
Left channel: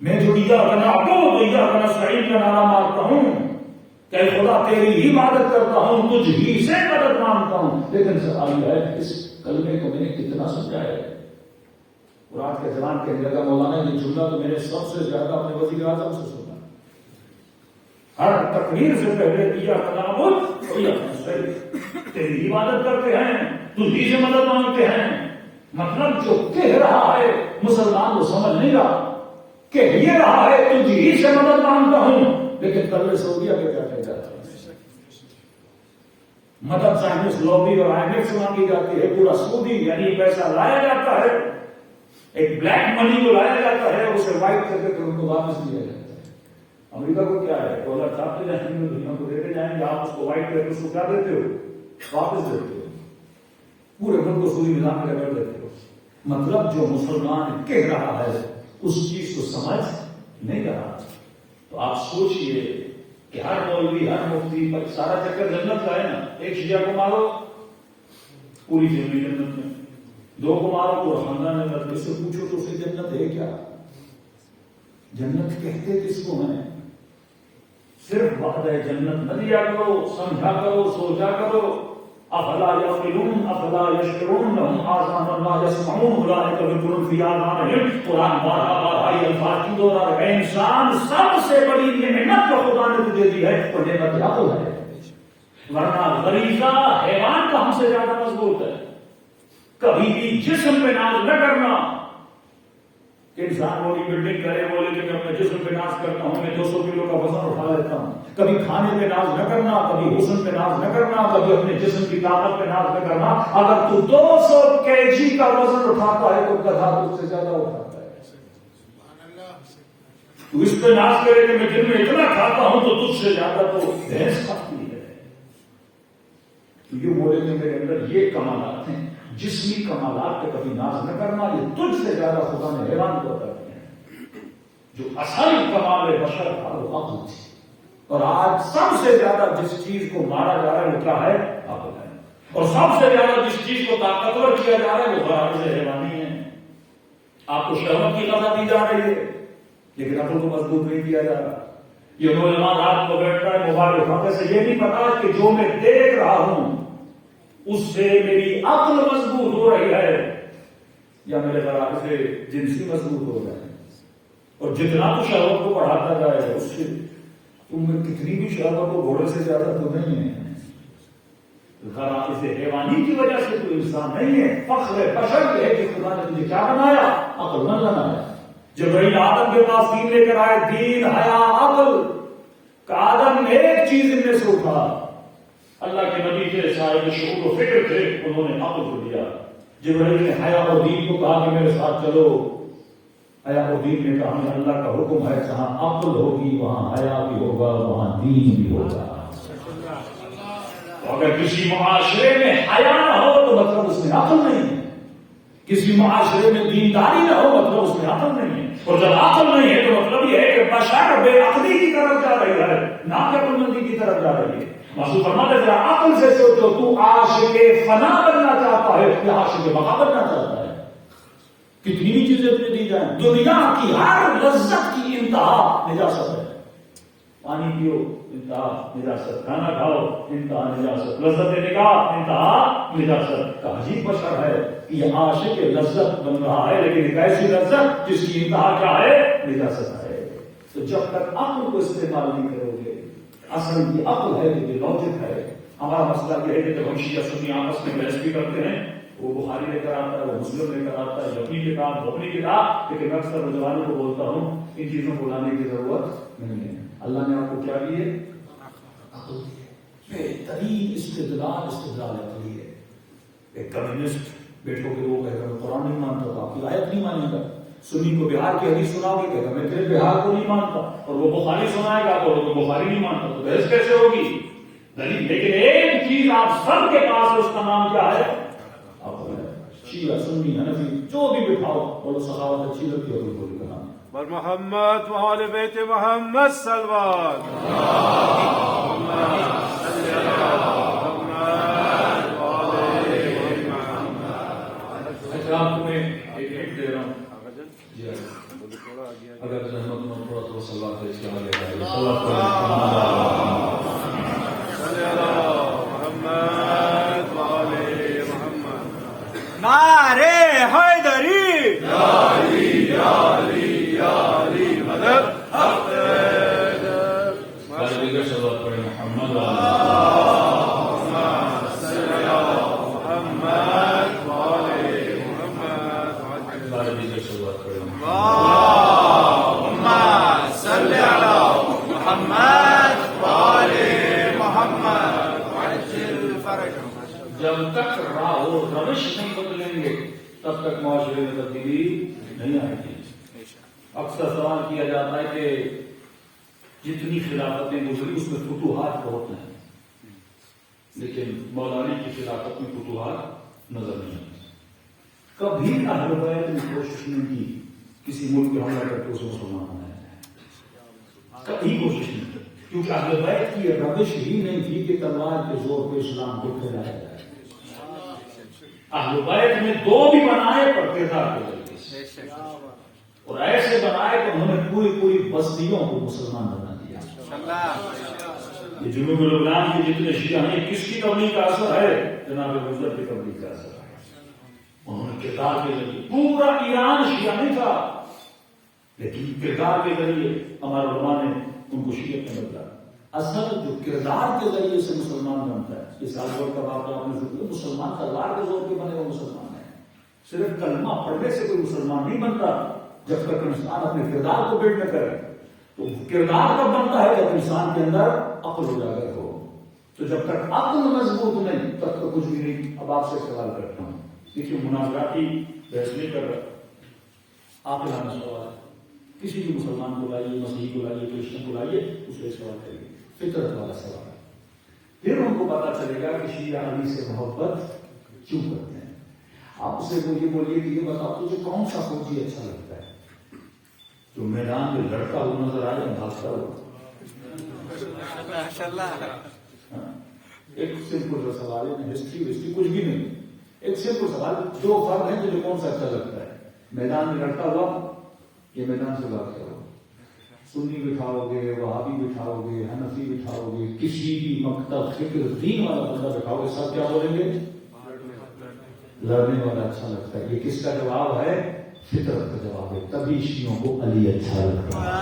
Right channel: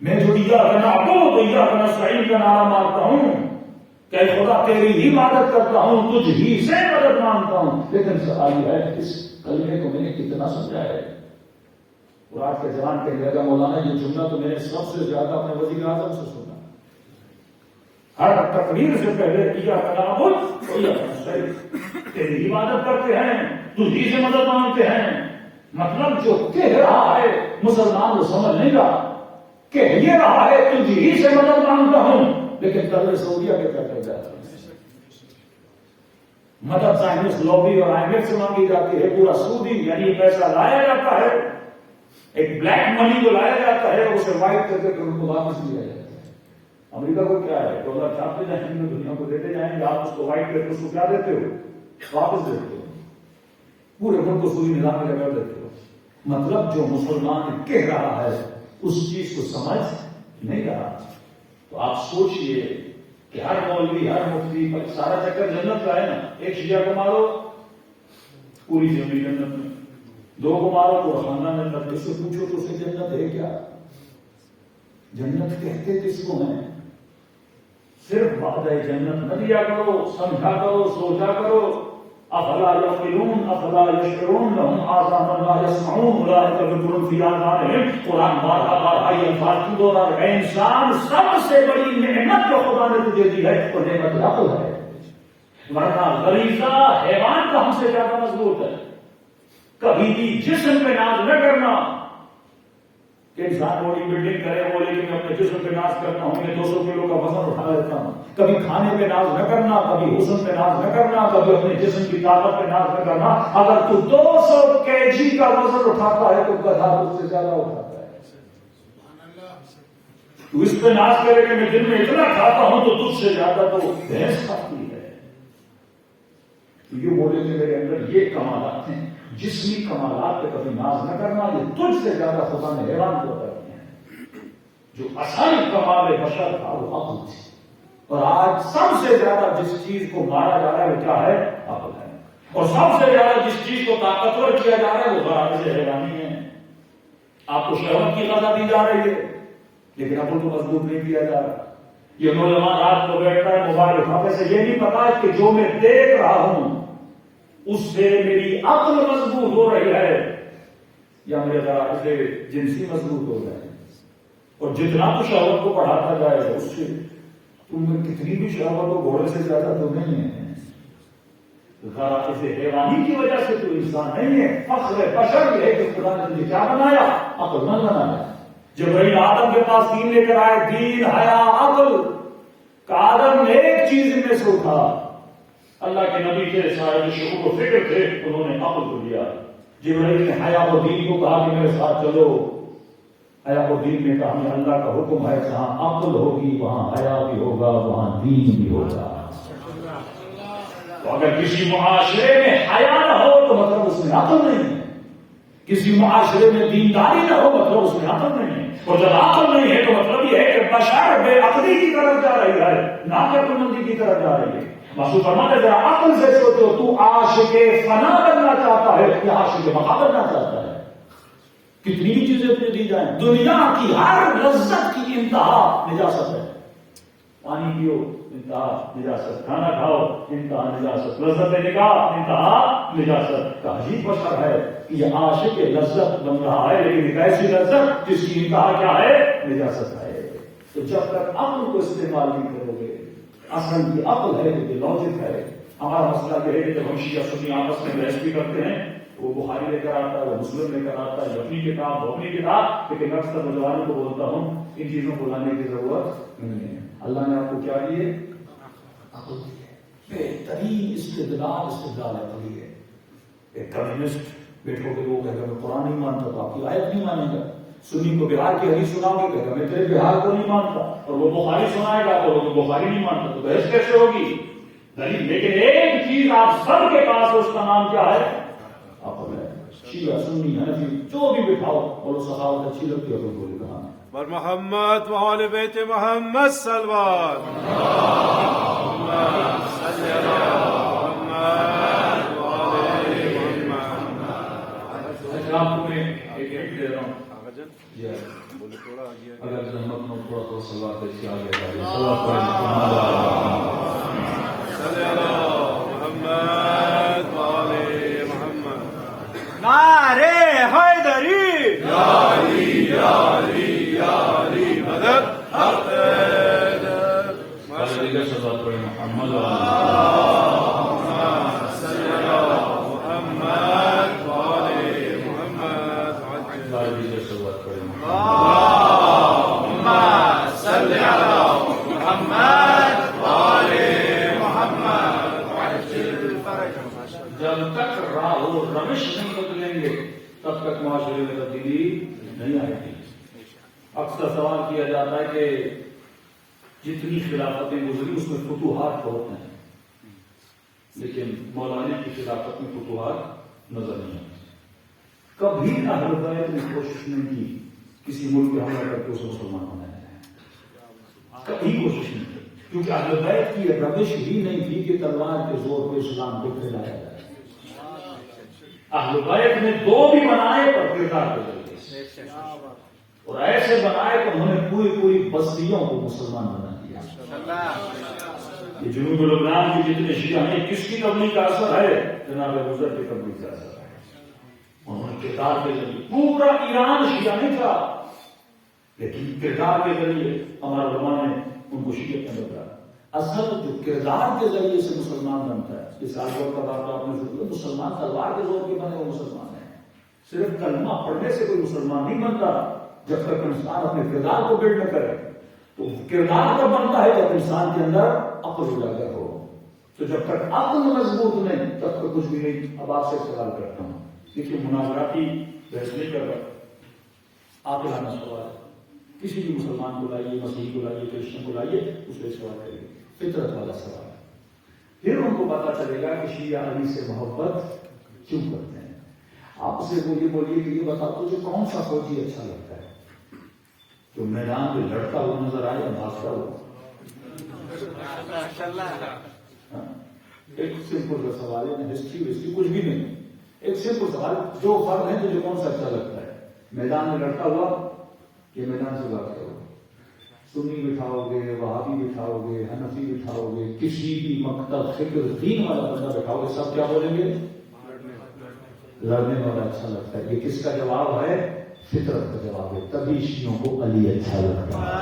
میں جو ایاک نعبد و ایاک نستعین کا نعرہ مارتا ہوں کہ خدا تیری ہی عبادت کرتا ہوں، تجھ ہی سے مدد مانگتا ہوں، لیکن سوال یہ ہے اس کلمے کو میں نے کتنا سمجھایا ہے؟ اور آج کے جوان کے لگا مولانا یہ جملہ تو میں نے سب سے زیادہ اپنے وزیر اعظم سے سنا. ہر تقریر سے پہلے ایاک نعبد و ایاک نستعین، تیری عبادت کرتے ہیں، تجھ ہی سے مدد مانگتے ہیں. مطلب جو کہہ رہا ہے مسلمان وہ سمجھ نہیں رہا، کہہ یہ رہا ہے تجھ ہی سے مدد مانگتا ہوں، لیکن دولت سعودیہ کے کیا کہہ جاتے ہیں؟ مدد سائنس لابی اور IMF سے مانگی جاتی ہے. پورا سعودی یعنی پیسہ لایا جاتا ہے، ایک بلیک منی کو لایا جاتا ہے، اسے وائٹ کر کے پھر ان کو واپس دیا جاتا ہے. امریکہ کو کیا ہے؟ ڈالر چھاپتے جائیں گے، دنیا کو دیتے جائیں گے، آپ اس کو وائٹ کر کے اس کو کیا دیتے ہو؟ واپس دیتے ہو. پورے ملک کو سودی نظام میں لگا دیتے ہو. مطلب جو مسلمان کہہ رہا ہے اس چیز کو سمجھ نہیں رہا. تو آپ سوچئے کہ ہر مولوی ہر مفتی پر سارا چکر جنت کا ہے نا. ایک شیعہ کو مارو پوری زندگی جنت میں، دو کو مارو تو خاندان جنت. کس سے پوچھو تو اسے جنت ہے کیا؟ جنت کہتے کس کو ہیں؟ صرف وعدہ جنت نہ دیا کرو، سمجھا کرو، سوچا کرو. افلا یعقلون افلا یشکرون لهم آذان لا یسمعون اولئک ذکر فی آذانہم. قرآن بارہا بارہا یہ الفاظ کیوں دوہرا رہا ہے؟ انسان سب سے بڑی نعمت جو خدا نے تجھے دی ہے وہ نعمت عقل ہے، ورنہ غریزہ حیوان کا ہم سے زیادہ مضبوط ہے. کبھی بھی جسم پہ ناز نہ کرنا کہ انسان بڑی بلڈنگ کرے، بولے کہ میں اپنے جسم پہ ناز کرتا ہوں، میں 200 کلو کا وزن اٹھا لیتا ہوں. کبھی کھانے پہ ناز نہ کرنا، کبھی حسن پہ ناز نہ کرنا، کبھی اپنے جسم کی طاقت پہ ناز نہ کرنا. اگر تو 200 kg کا وزن اٹھاتا ہے تو گدھا اس سے زیادہ اٹھاتا ہے. تو اس پہ ناز کرے کہ میں دن میں اتنا کھاتا ہوں تو تجھ سے زیادہ تو بھینس کھاتی ہے. تو یہ بولے کہ میرے اندر یہ کمالات ہیں. جسمی کمالات پہ کبھی ناز نہ کرنا، یہ تجھ سے زیادہ خدا نے حیران کو کرتے ہیں. جو اصل کمال بشر تھا وہ عقل تھی. اور آج سب سے زیادہ جس چیز کو مارا جا رہا ہے وہ کیا ہے؟ عقل ہے. اور سب سے زیادہ جس چیز کو طاقتور کیا جا رہا ہے وہ غرائز حیوانی ہے. آپ کو شہوت کی غذا دی جا رہی ہے لیکن عقل کو مضبوط نہیں کیا جا رہا. یہ نوجوان رات کو بیٹھتا ہے موبائل اٹھانے سے یہ نہیں پتا کہ جو میں دیکھ رہا ہوں اس سے میری عقل مضبوط ہو رہی ہے یا میرے غرائز سے جنسی مضبوط ہو رہا ہے. اور جتنا تو شہوت کو بڑھاتا جائے گا اس سے تم میں کتنی بھی شہوت ہو گھوڑے سے زیادہ تو نہیں ہے. غرائز حیوانی کی وجہ سے تو انسان نہیں ہے. فخر بشر یہ ہے کہ خدا نے تجھے کیا بنایا؟ عقل نہ بنایا. جبرائیل آدم کے پاس دین لے کر آئے، دین حیا عقل کا. آدم نے ایک چیز ان میں سے اٹھا. اللہ کے نبی تھے، صاحب شعور و فکر تھے، انہوں نے عقل کو دیا. جبرائیل نے حیا اور دین کو کہا کہ میرے ساتھ چلو. حیا اور دین نے کہا ہمیں اللہ کا حکم ہے جہاں عقل ہوگی وہاں حیا بھی ہوگا، وہاں دین بھی ہوگا. تو اگر کسی معاشرے میں حیا نہ ہو تو مطلب اس میں عقل نہیں ہے. کسی معاشرے میں دینداری نہ ہو مطلب اس میں عقل نہیں ہے. اور جب عقل نہیں ہے تو مطلب یہ ہے کہ بشر بے عقلی کی طرف جا رہی ہے، نہ کہ عقل مندی کی طرف جا رہی ہے. معصوم فرماتے ذرا عقل سے سوچو، تو عاشق فنا بننا چاہتا ہے یا عاشق بقا بننا چاہتا ہے؟ کتنی بھی چیزیں تمہیں دی جائیں، دنیا کی ہر لذت کی انتہا نجاست ہے. پانی پیو انتہا نجاست، کھانا کھاؤ انتہا نجاست، لذت نگاہ انتہا نجاست. کا عجیب بشر ہے کہ یہ عاشق لذت بن رہا ہے لیکن ایک ایسی لذت جس کی انتہا کیا ہے؟ نجاست ہے. تو جب تک عقل کو استعمال نہیں کرو گے، اصل کی عقل ہے جو لاجک ہے. ہمارا مسئلہ یہ ہے کہ جب ہم شیعہ سنی آپس میں بحث بھی کرتے ہیں، وہ بخاری لے کر آتا ہے، وہ مسلم لے کر آتا ہے، اپنی کتاب وہ اپنی کتاب. لیکن اکثر نوجوانوں کو بولتا ہوں ان چیزوں کو لانے کی ضرورت نہیں ہے. اللہ نے آپ کو کیا دیے؟ عقل دی ہے. بہترین استدلال عقلی ہے. ایک کمیونسٹ بیٹھو کہ وہ کہے گا میں قرآن نہیں مانتا تو آپ کی آیت نہیں مانے گا. سنی کو بہار کی حدیث سناؤ گے کہے گا میں تیرے بہار کو نہیں مانتا. اور وہ بخاری سنائے گا تو وہ بخاری نہیں مانتا. تو بحث کیسے ہوگی؟ لیکن ایک چیز آپ سب کے پاس اس کا نام کیا ہے؟ عقل ہے. شیعہ سنی حنفی جو بھی بٹھاؤ اور سخاوت اچھی لگتی ہے تو بولے کہاں اور محمد وآل بیت محمد صلوات. اچھا آپ کو میں ایک دے رہا ہوں، اگر زحمت میں تھوڑا تھوڑا سلوات پیش کیا گیا جائے. نعرے حیدری مدد. سلوات پڑھیں محمد جب تک راہ و روش نہیں بدلیں گے تب تک معاشرے میں تبدیلی نہیں آئے گی. اکثر سوال کیا جاتا ہے کہ جتنی خلافتیں گزری اس میں فتوحات بہت ہیں لیکن مولانا کی خلافت میں فتوحات نظر نہیں آتی. کبھی اہل بیت نے کوشش نہیں کی کسی ملک پہ حملہ کر کے اسے مسلمان بنایا جائے، کبھی کوشش نہیں کی، کیونکہ اہل بیت کی روش ہی نہیں تھی کہ تلوار کے زور پہ اسلام کو پھیلایا جائے۔ اہل بیت نے دو بھی بنائے پر کردار کے ذریعے سے، اور ایسے بنائے کہ انہوں نے پوری پوری بستیوں کو مسلمان بنا دیا۔ یہ جنوب لبنان کے جتنے شیعہ ہیں، کس کی تبلیغ کا اثر ہے؟ جناب حضرت کی تبلیغ کا اثر ہے۔ انہوں نے کردار کے ذریعے، پورا ایران شیعہ نہیں تھا لیکن کردار کے ذریعے ہمارے علماء نے ان کو شیعہ میں بدلا۔ اصل جو کردار کے ذریعے سے مسلمان بنتا ہے، اس آگور کا واقعہ آپ نے ذکر کیا، مسلمان تلوار کے زور پہ بنے وہ مسلمان ہے۔ صرف کلمہ پڑھنے سے کوئی مسلمان نہیں بنتا جب تک انسان اپنے کردار کو بلڈ نہ کرے۔ تو کردار کب بنتا ہے؟ جب انسان کے اندر عقل اجاگر ہو۔ تو جب تک عقل مضبوط نہیں تب تو کچھ بھی نہیں۔ اب آپ سے سوال کرتا ہوں، دیکھیے مناظراتی بحث نہیں کر رہا، آپ لانا سوال، کسی بھی مسلمان کو لائیے، مسیحی کو لائیے، کرسچن کو لائیے، اس سے سوال کریے، فطرت والا سوال، پھر ان کو پتا چلے گا کہ شیعہ علی سے محبت کیوں کرتے ہیں۔ آپ اسے بولیے کہ یہ بتاؤ تجھے کون سا فوجی اچھا لگتا ہے جو میدان میں لڑتا ہوا نظر آئے یا بھاگتا ہوا؟ ایک سمپل سا سوال ہے، ہسٹری کچھ بھی نہیں، ایک سمپل سوال، دو فرد ہیں تجھے کون سا اچھا لگتا ہے، میدان میں لڑتا ہوا یا میدان سے بھاگتا ہوا؟ سنی بٹھاؤ گے، وہابی بٹھاؤ گے، حنفی بٹھاؤ گے، کسی بھی مکتب فکر دین والا بندہ بٹھاؤ گے، سب کیا بولیں گے؟ لڑنے والا اچھا لگتا ہے۔ یہ کس کا جواب ہے؟ فطرت کا جواب ہے۔ تبھی شیعوں کو علی اچھا لگتا ہے۔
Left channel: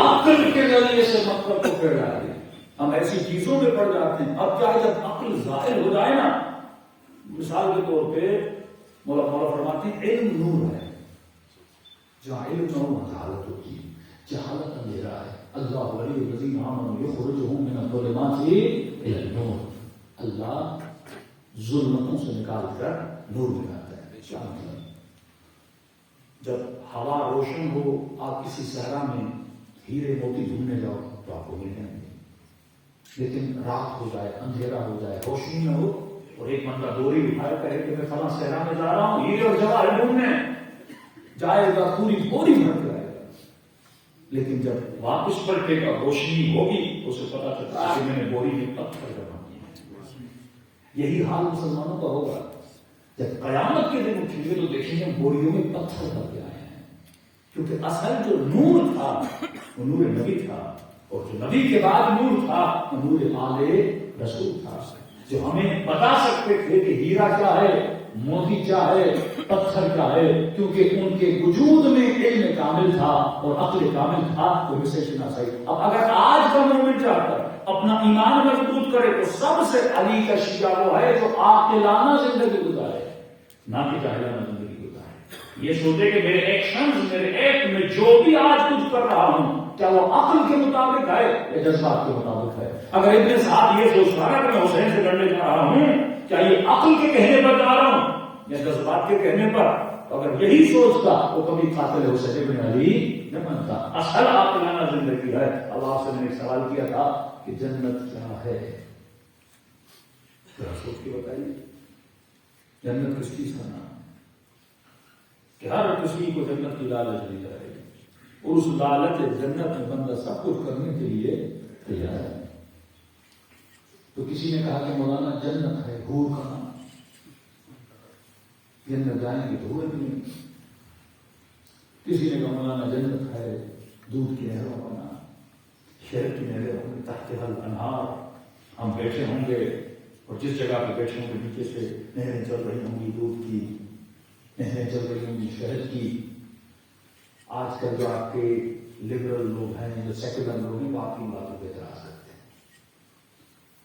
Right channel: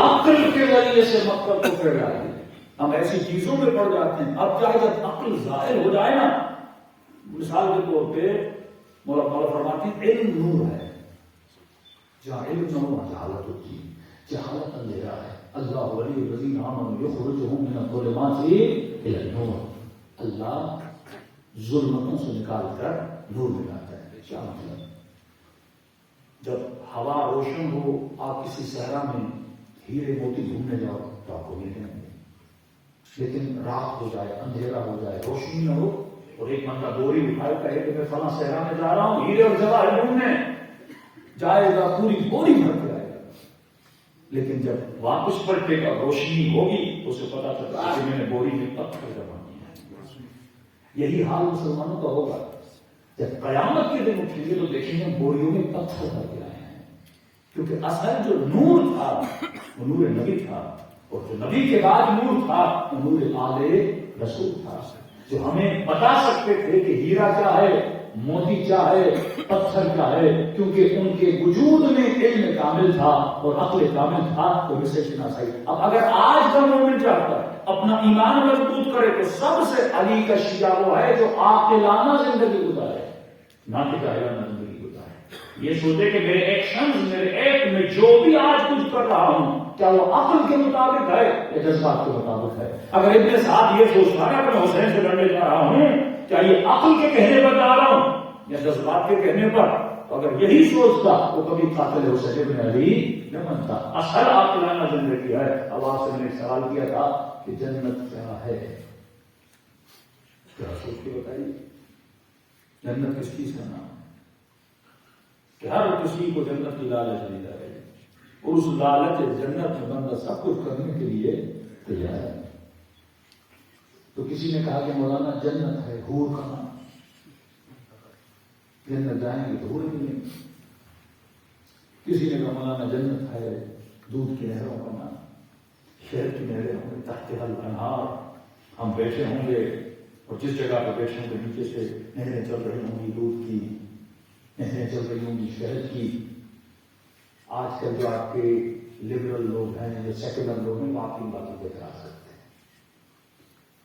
عقل کے ذریعے سے مکتب کو پھیلا دیا۔ ہم ایسی چیزوں میں پڑ جاتے ہیں۔ اب کیا جب عقل ظاہر ہو جائے نا، مثال کے طور پہ مولا فرماتے ہیں علم نور ہے، جہاں علم نہ ہو جہالت ہوتی ہے، جہالت اندھیرا ہے۔ اللہ ولی الذین آمنوا یخرجہم من الظلمات الی النور، اللہ ظلمتوں سے نکال کر نور میں لاتا ہے۔ کیا مطلب؟ جب ہوا روشن ہو، آپ کسی صحرا میں ہیرے موتی ڈھونڈنے جاؤ تو آپ کو ملیں گے، لیکن رات ہو جائے، اندھیرا ہو جائے، روشنی نہ ہو، اور ایک بندہ بوری اٹھائے کہے کہ میں فلاں صحرا میں جا رہا ہوں ہیرے اور جواہر ڈھونڈنے، جائے گا پوری بوری بھر کے آئے گا، لیکن جب واپس پلٹے گا روشنی ہوگی تو اسے پتا چلتا ہے کہ میں نے بوری میں پتھر جمع کیا۔ یہی حال مسلمانوں کا ہوگا، جب قیامت کے دن اٹھیں گے تو دیکھیں گے بوریوں میں پتھر بھر کے آئے ہیں، کیونکہ اصل جو نور تھا وہ نور نبی تھا، اور جو نبی کے بعد نور تھا وہ نور آل رسول تھا، جو ہمیں بتا سکتے تھے کہ ہیرا کیا ہے، موتی کیا ہے، پتھر کیا ہے، کیونکہ ان کے وجود میں علم کامل تھا اور عقل کامل تھا، تو اسے شناسائی۔ اب اگر آج کا مومن چاہتا ہے اپنا ایمان مضبوط کرے تو سب سے علی کا شیعہ وہ ہے جو عاقلانہ زندگی گزارے، نہ کہ جاہلانہ زندگی گزارے۔ یہ سوچے کہ میرے ایکشنز، میرے ایکٹ میں جو بھی آج کچھ کر رہا ہوں کیا وہ عقل کے مطابق ہے یا جذبات کے مطابق ہے؟ اگر ابن سعد یہ سوچتا ہے کہ میں حسین سے لڑنے جا رہا ہوں، کیا یہ عقل کے کہنے پر جا رہا ہوں یا جذبات کے کہنے پر؟ اگر یہی سوچتا تو کبھی قاتل حسین بن علی نہ بنتا۔ اصل عاقلانہ زندگی ہے۔ اب آپ سے میں نے سوال کیا تھا کہ جنت کیا ہے، کیا سوچ کے بتائیے، جنت کس چیز کا نام ہے؟ کہ ہر کسی کو جنت کی لالچ دی جائے گی، اور اس لالچ جنت میں بندہ سب کچھ کرنے کے لیے تیار ہے۔ تو کسی نے کہا کہ مولانا جنت ہے حور کا نام، جنت جائیں گے تو حور نہیں۔ کسی نے کہا مولانا جنت ہے دودھ کی نہروں کا نام، شہد کی نہریں ہوں گے، تحت الانہار، ہم بیٹھے ہوں گے اور جس جگہ پہ بیٹھے ہوں گے نیچے سے نہریں چل رہی ہوں گی، دودھ کی نہریں چل رہی ہوں گی، شہد کی۔ آج کل جو آپ کے لبرل لوگ ہیں، جو سیکولر لوگ ہیں، وہ آپ کی باتوں پہ اعتراض کرتے ہیں۔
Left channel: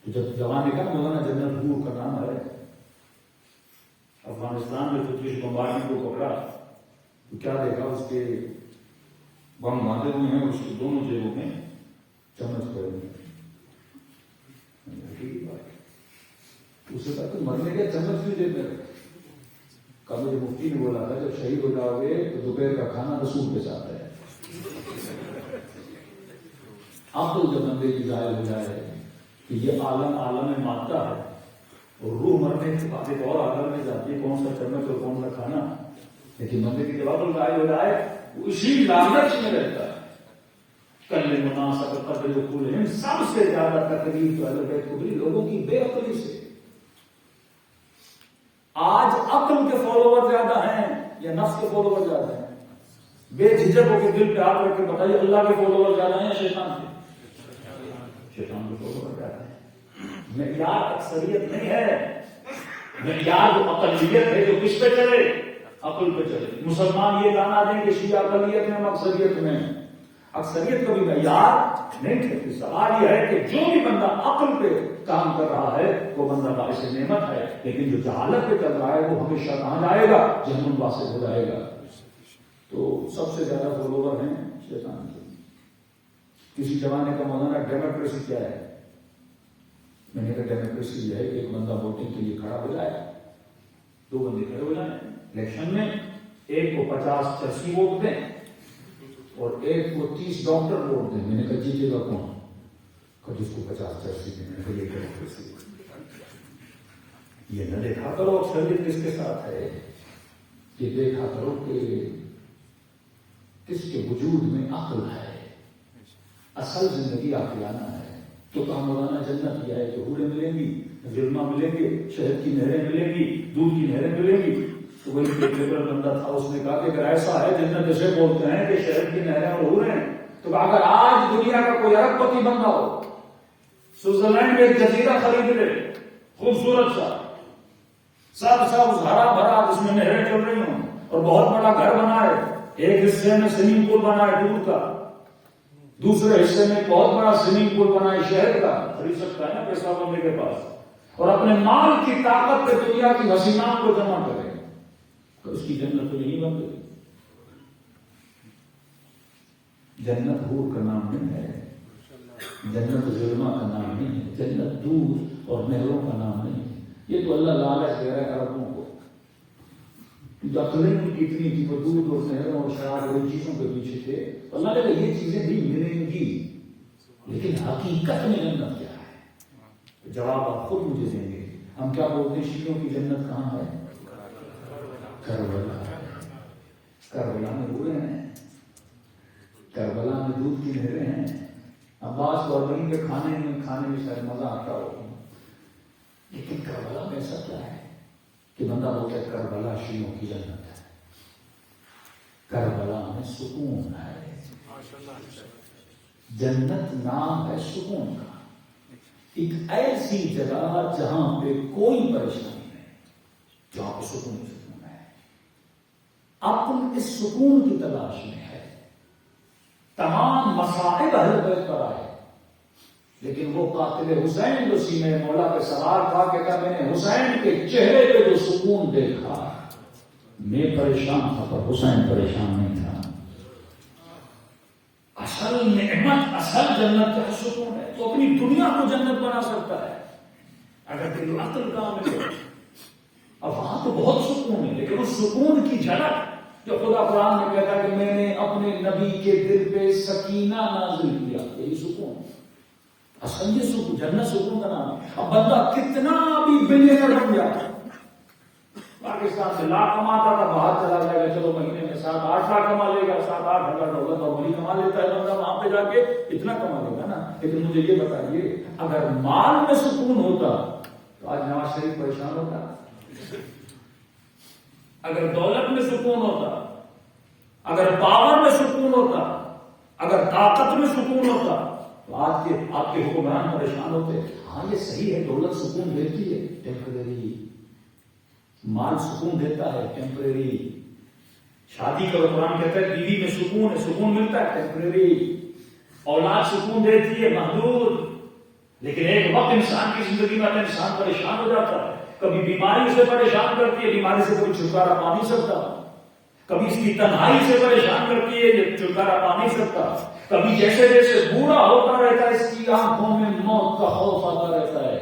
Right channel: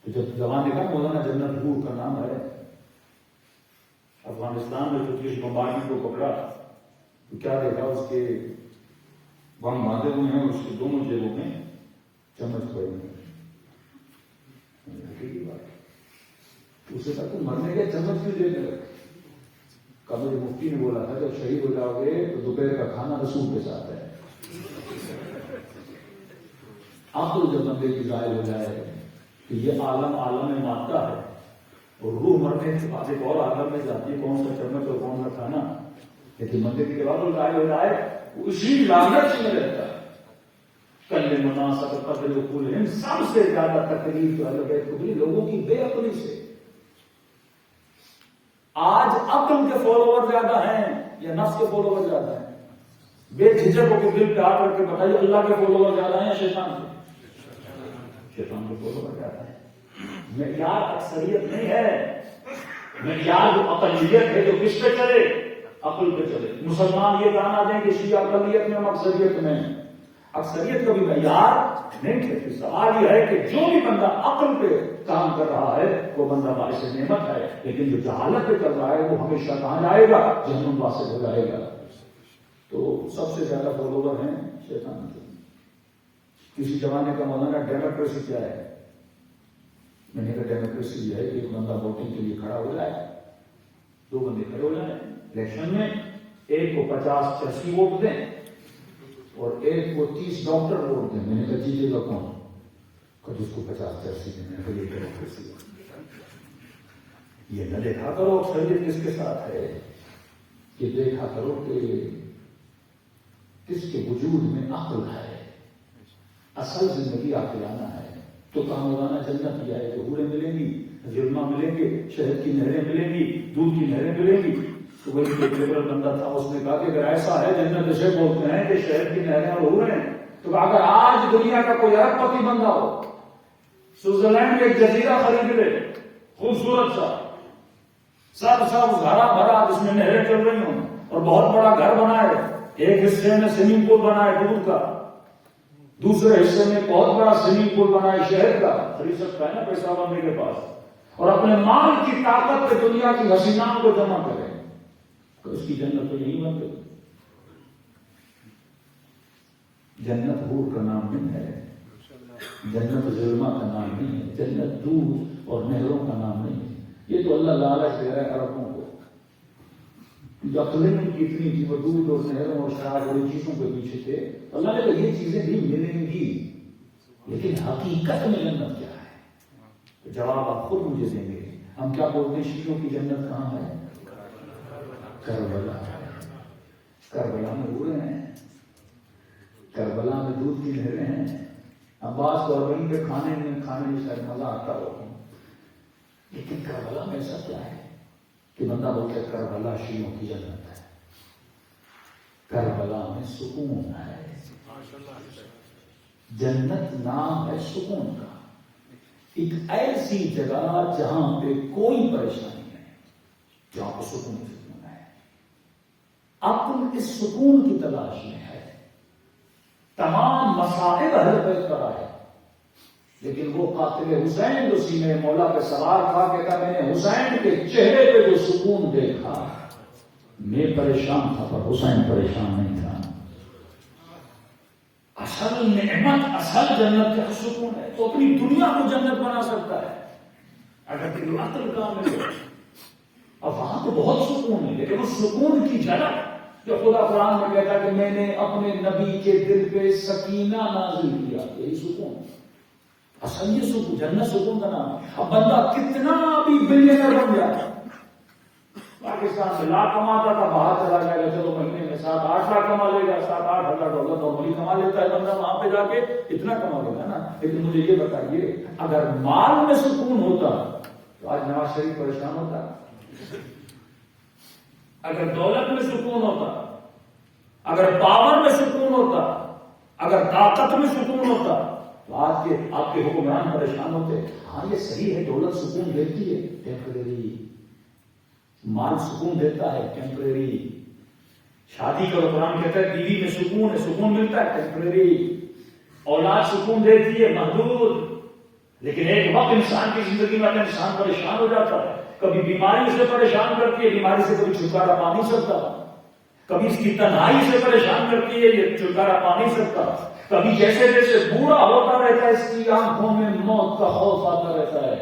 تو جب جوان نے کہا مولانا جنت حور کا نام ہے، افغانستان میں فتوش بمبارڈمنٹ کو پکڑا تو کیا دیکھا، اس کے بم باندھے ہوئے ہیں، اس کے دونوں جیبوں میں چمچ پڑے ہوئے ہیں۔ اسے کہا تو مرنے کے چمچ کیوں دینے لگے؟ کہا مجھے مفتی نے بولا تھا جب شہید ہو جاؤ گے تو دوپہر کا کھانا رسول کے ساتھ ہے. اب تو جب بندے کی ظاہر ہو جائے کہ یہ عالم مادہ ہے اور روح مرنے کے بعد ایک اور عالم میں جاتی ہے، کون سا چمچ اور کون سا کھانا، لیکن بندے کی جواب ظاہر ہو جائے وہ اسی لالچ میں رہتا ہے. کل مناسب قدر کل سب سے زیادہ تکلیف لوگوں کی بے عقلی سے. آج عقل کے فالوور زیادہ ہیں یا نفس کے فالوور زیادہ ہیں؟ بے جھجک ہو کے دل پہ ہاتھ رکھ کے بتائیے، اللہ کے فالوور زیادہ ہیں یا شیطان کے؟ شیطان کے فالوور زیادہ ہیں. معیار اکثریت نہیں ہے، معیار جو اقلیت ہے جو کس پہ چلے؟ عقل پہ چلے. مسلمان یہ گانا دیں کہ شیعہ اقلیت میں ہم اکثریت میں، اکثریت کا بھی معیار نہیں ہے. سوال یہ ہے کہ جو بھی بندہ عقل پہ کام کر رہا ہے وہ بندہ باعث نعمت ہے، لیکن جو جہالت پہ کر رہا ہے وہ ہمیشہ کہاں جائے گا؟ جہنم واسط ہو جائے گا. تو سب سے زیادہ فالوور ہیں شیطان کے. کسی زمانے کا مولانا ڈیموکریسی کیا ہے؟ میں نے کہا ڈیموکریسی یہ ہے کہ ایک بندہ ووٹنگ کے لیے کھڑا ہو جائے، دو بندے کھڑے ہو جائیں الیکشن میں، ایک کو 50 چرسی ووٹ دیں اور ایک کو 30 ڈاکٹر ووٹ دیں. میں نے کہا جیتے گا کون؟ جس کو 50 چرسی دیں. میں نے کہا یہ ڈیموکریسی ہے. یہ نہ دیکھا کرو اکثریت کس کے ساتھ ہے، یہ دیکھا کرو کہ کس کے وجود میں عقل ہے، اصل زندگی عاقلانہ ہے. تو کہاں مولانا جنت کیا ہے تو حوریں ملیں گی، جرما ملیں گے، شہد کی نہریں ملیں گی، دودھ کی نہریں ملیں گی. تو وہی ایک لبرل بندہ تھا، اس نے کہا کہ اگر ایسا ہے جنت اسے بولتے ہیں کہ شہد کی نہریں اور حوریں، تو اگر آج دنیا کا کوئی ارب پتی بندہ ہو، سوئٹزرلینڈ میں ایک جزیرہ خرید لے خوبصورت سا، سب ہرا بھرا جس میں نہریں چل رہی ہوں، اور بہت بڑا گھر بنائے، ایک حصے میں سوئمنگ پول بنائے دودھ کا، دوسرے حصے میں بہت بڑا سوئمنگ پول بنائے شہر کا، خرید سکتا ہے نا پیسہ بندے کے پاس، اور اپنے مال کی طاقت پہ دنیا کی حسینات کو جمع کرے، تو اس کی جنت تو یہی بن گئی. جنت حور کا نام نہیں ہے، جنت ظلمہ کا نام نہیں ہے، جنت دودھ اور نہروں کا نام نہیں ہے. یہ تو اللہ لالچ دے رہا ہے عربوں کو، جو عقلیں ان کی اتنی تھی، وہ دودھ اور نہروں اور شراب اور چیزوں کے پیچھے تھے. اللہ نے کہا یہ چیزیں بھی ملیں گی، لیکن حقیقت میں جنت کیا ہے؟ تو جواب آپ خود مجھے دیں گے. ہم کیا بولتے ہیں شیعوں کی جنت کہاں ہے؟ کربلا. کربلا میں ہوئے ہیں، کربلا میں دودھ کی نہریں ہیں. عباس اور وہیں کے کھانے میں شاید مزہ آتا ہو، لیکن کربلا میں ایسا کیا ہے کہ بندہ بولتا ہے کربلا شیعوں کی جنت ہے؟ کربلا میں سکون ہے. جنت نام ہے سکون کا، ایک ایسی جگہ جہاں پہ کوئی پریشانی نہیں، جہاں پہ سکون ہے. اپن اس سکون کی تلاش میں ہے، تمام مصائب حل کر آئے، لیکن وہ قاتل حسین جو سینے مولا پہ سوار تھا، کہتا میں نے حسین کے چہرے پہ جو سکون دیکھا، میں پریشان تھا پر حسین پریشان نہیں تھا. اصل نعمت، اصل جنت کا سکون ہے. تو اپنی دنیا کو جنت بنا سکتا ہے اگر تیری عقل کامل ہے. اب وہاں تو بہت سکون ہے، لیکن اس سکون کی جھلک جو خدا قرآن میں کہتا کہ میں نے اپنے نبی کے دل پہ سکینہ نازل کیا، یہی سکون. اصل یہ سکون، جنت سکون کا نام ہے. اب بندہ کتنا بھی بلینئر بن جائے، پاکستان سے لاکھ کماتا تھا، باہر چلا جائے گا، چلو مہینے میں 7-8 لاکھ کما لے گا، 7-8 ہزار ڈالر نارملی کما لیتا ہے بندہ، وہاں پہ جا کے اتنا کما لے گا نا. لیکن مجھے یہ بتائیے، اگر مال میں سکون ہوتا تو آج نواز شریف پریشان ہوتا؟ اگر دولت میں سکون ہوتا، اگر پاور میں سکون ہوتا، اگر طاقت میں سکون ہوتا تو آج کے آپ کے حکمران پریشان ہوتے. ہاں یہ صحیح ہے، دولت سکون دیتی ہے ٹیمپریری، مال سکون دیتا ہے ٹیمپریری. شادی کرو، قرآن کہتا ہے بیوی میں سکون ہے، سکون ملتا ہے ٹیمپریری. اولاد سکون دیتی ہے محدود، لیکن ایک وقت انسان کی زندگی میں انسان پریشان ہو جاتا ہے. کبھی بیماری سے پریشان کرتی ہے، بیماری سے کوئی چھٹکارا پا نہیں سکتا. کبھی اس کی تنہائی سے پریشان کرتی ہے، یہ چھٹکارا پا نہیں سکتا. کبھی جیسے جیسے بوڑھا ہوتا رہتا ہے اس کی آنکھوں میں موت کا خوف آتا رہتا ہے.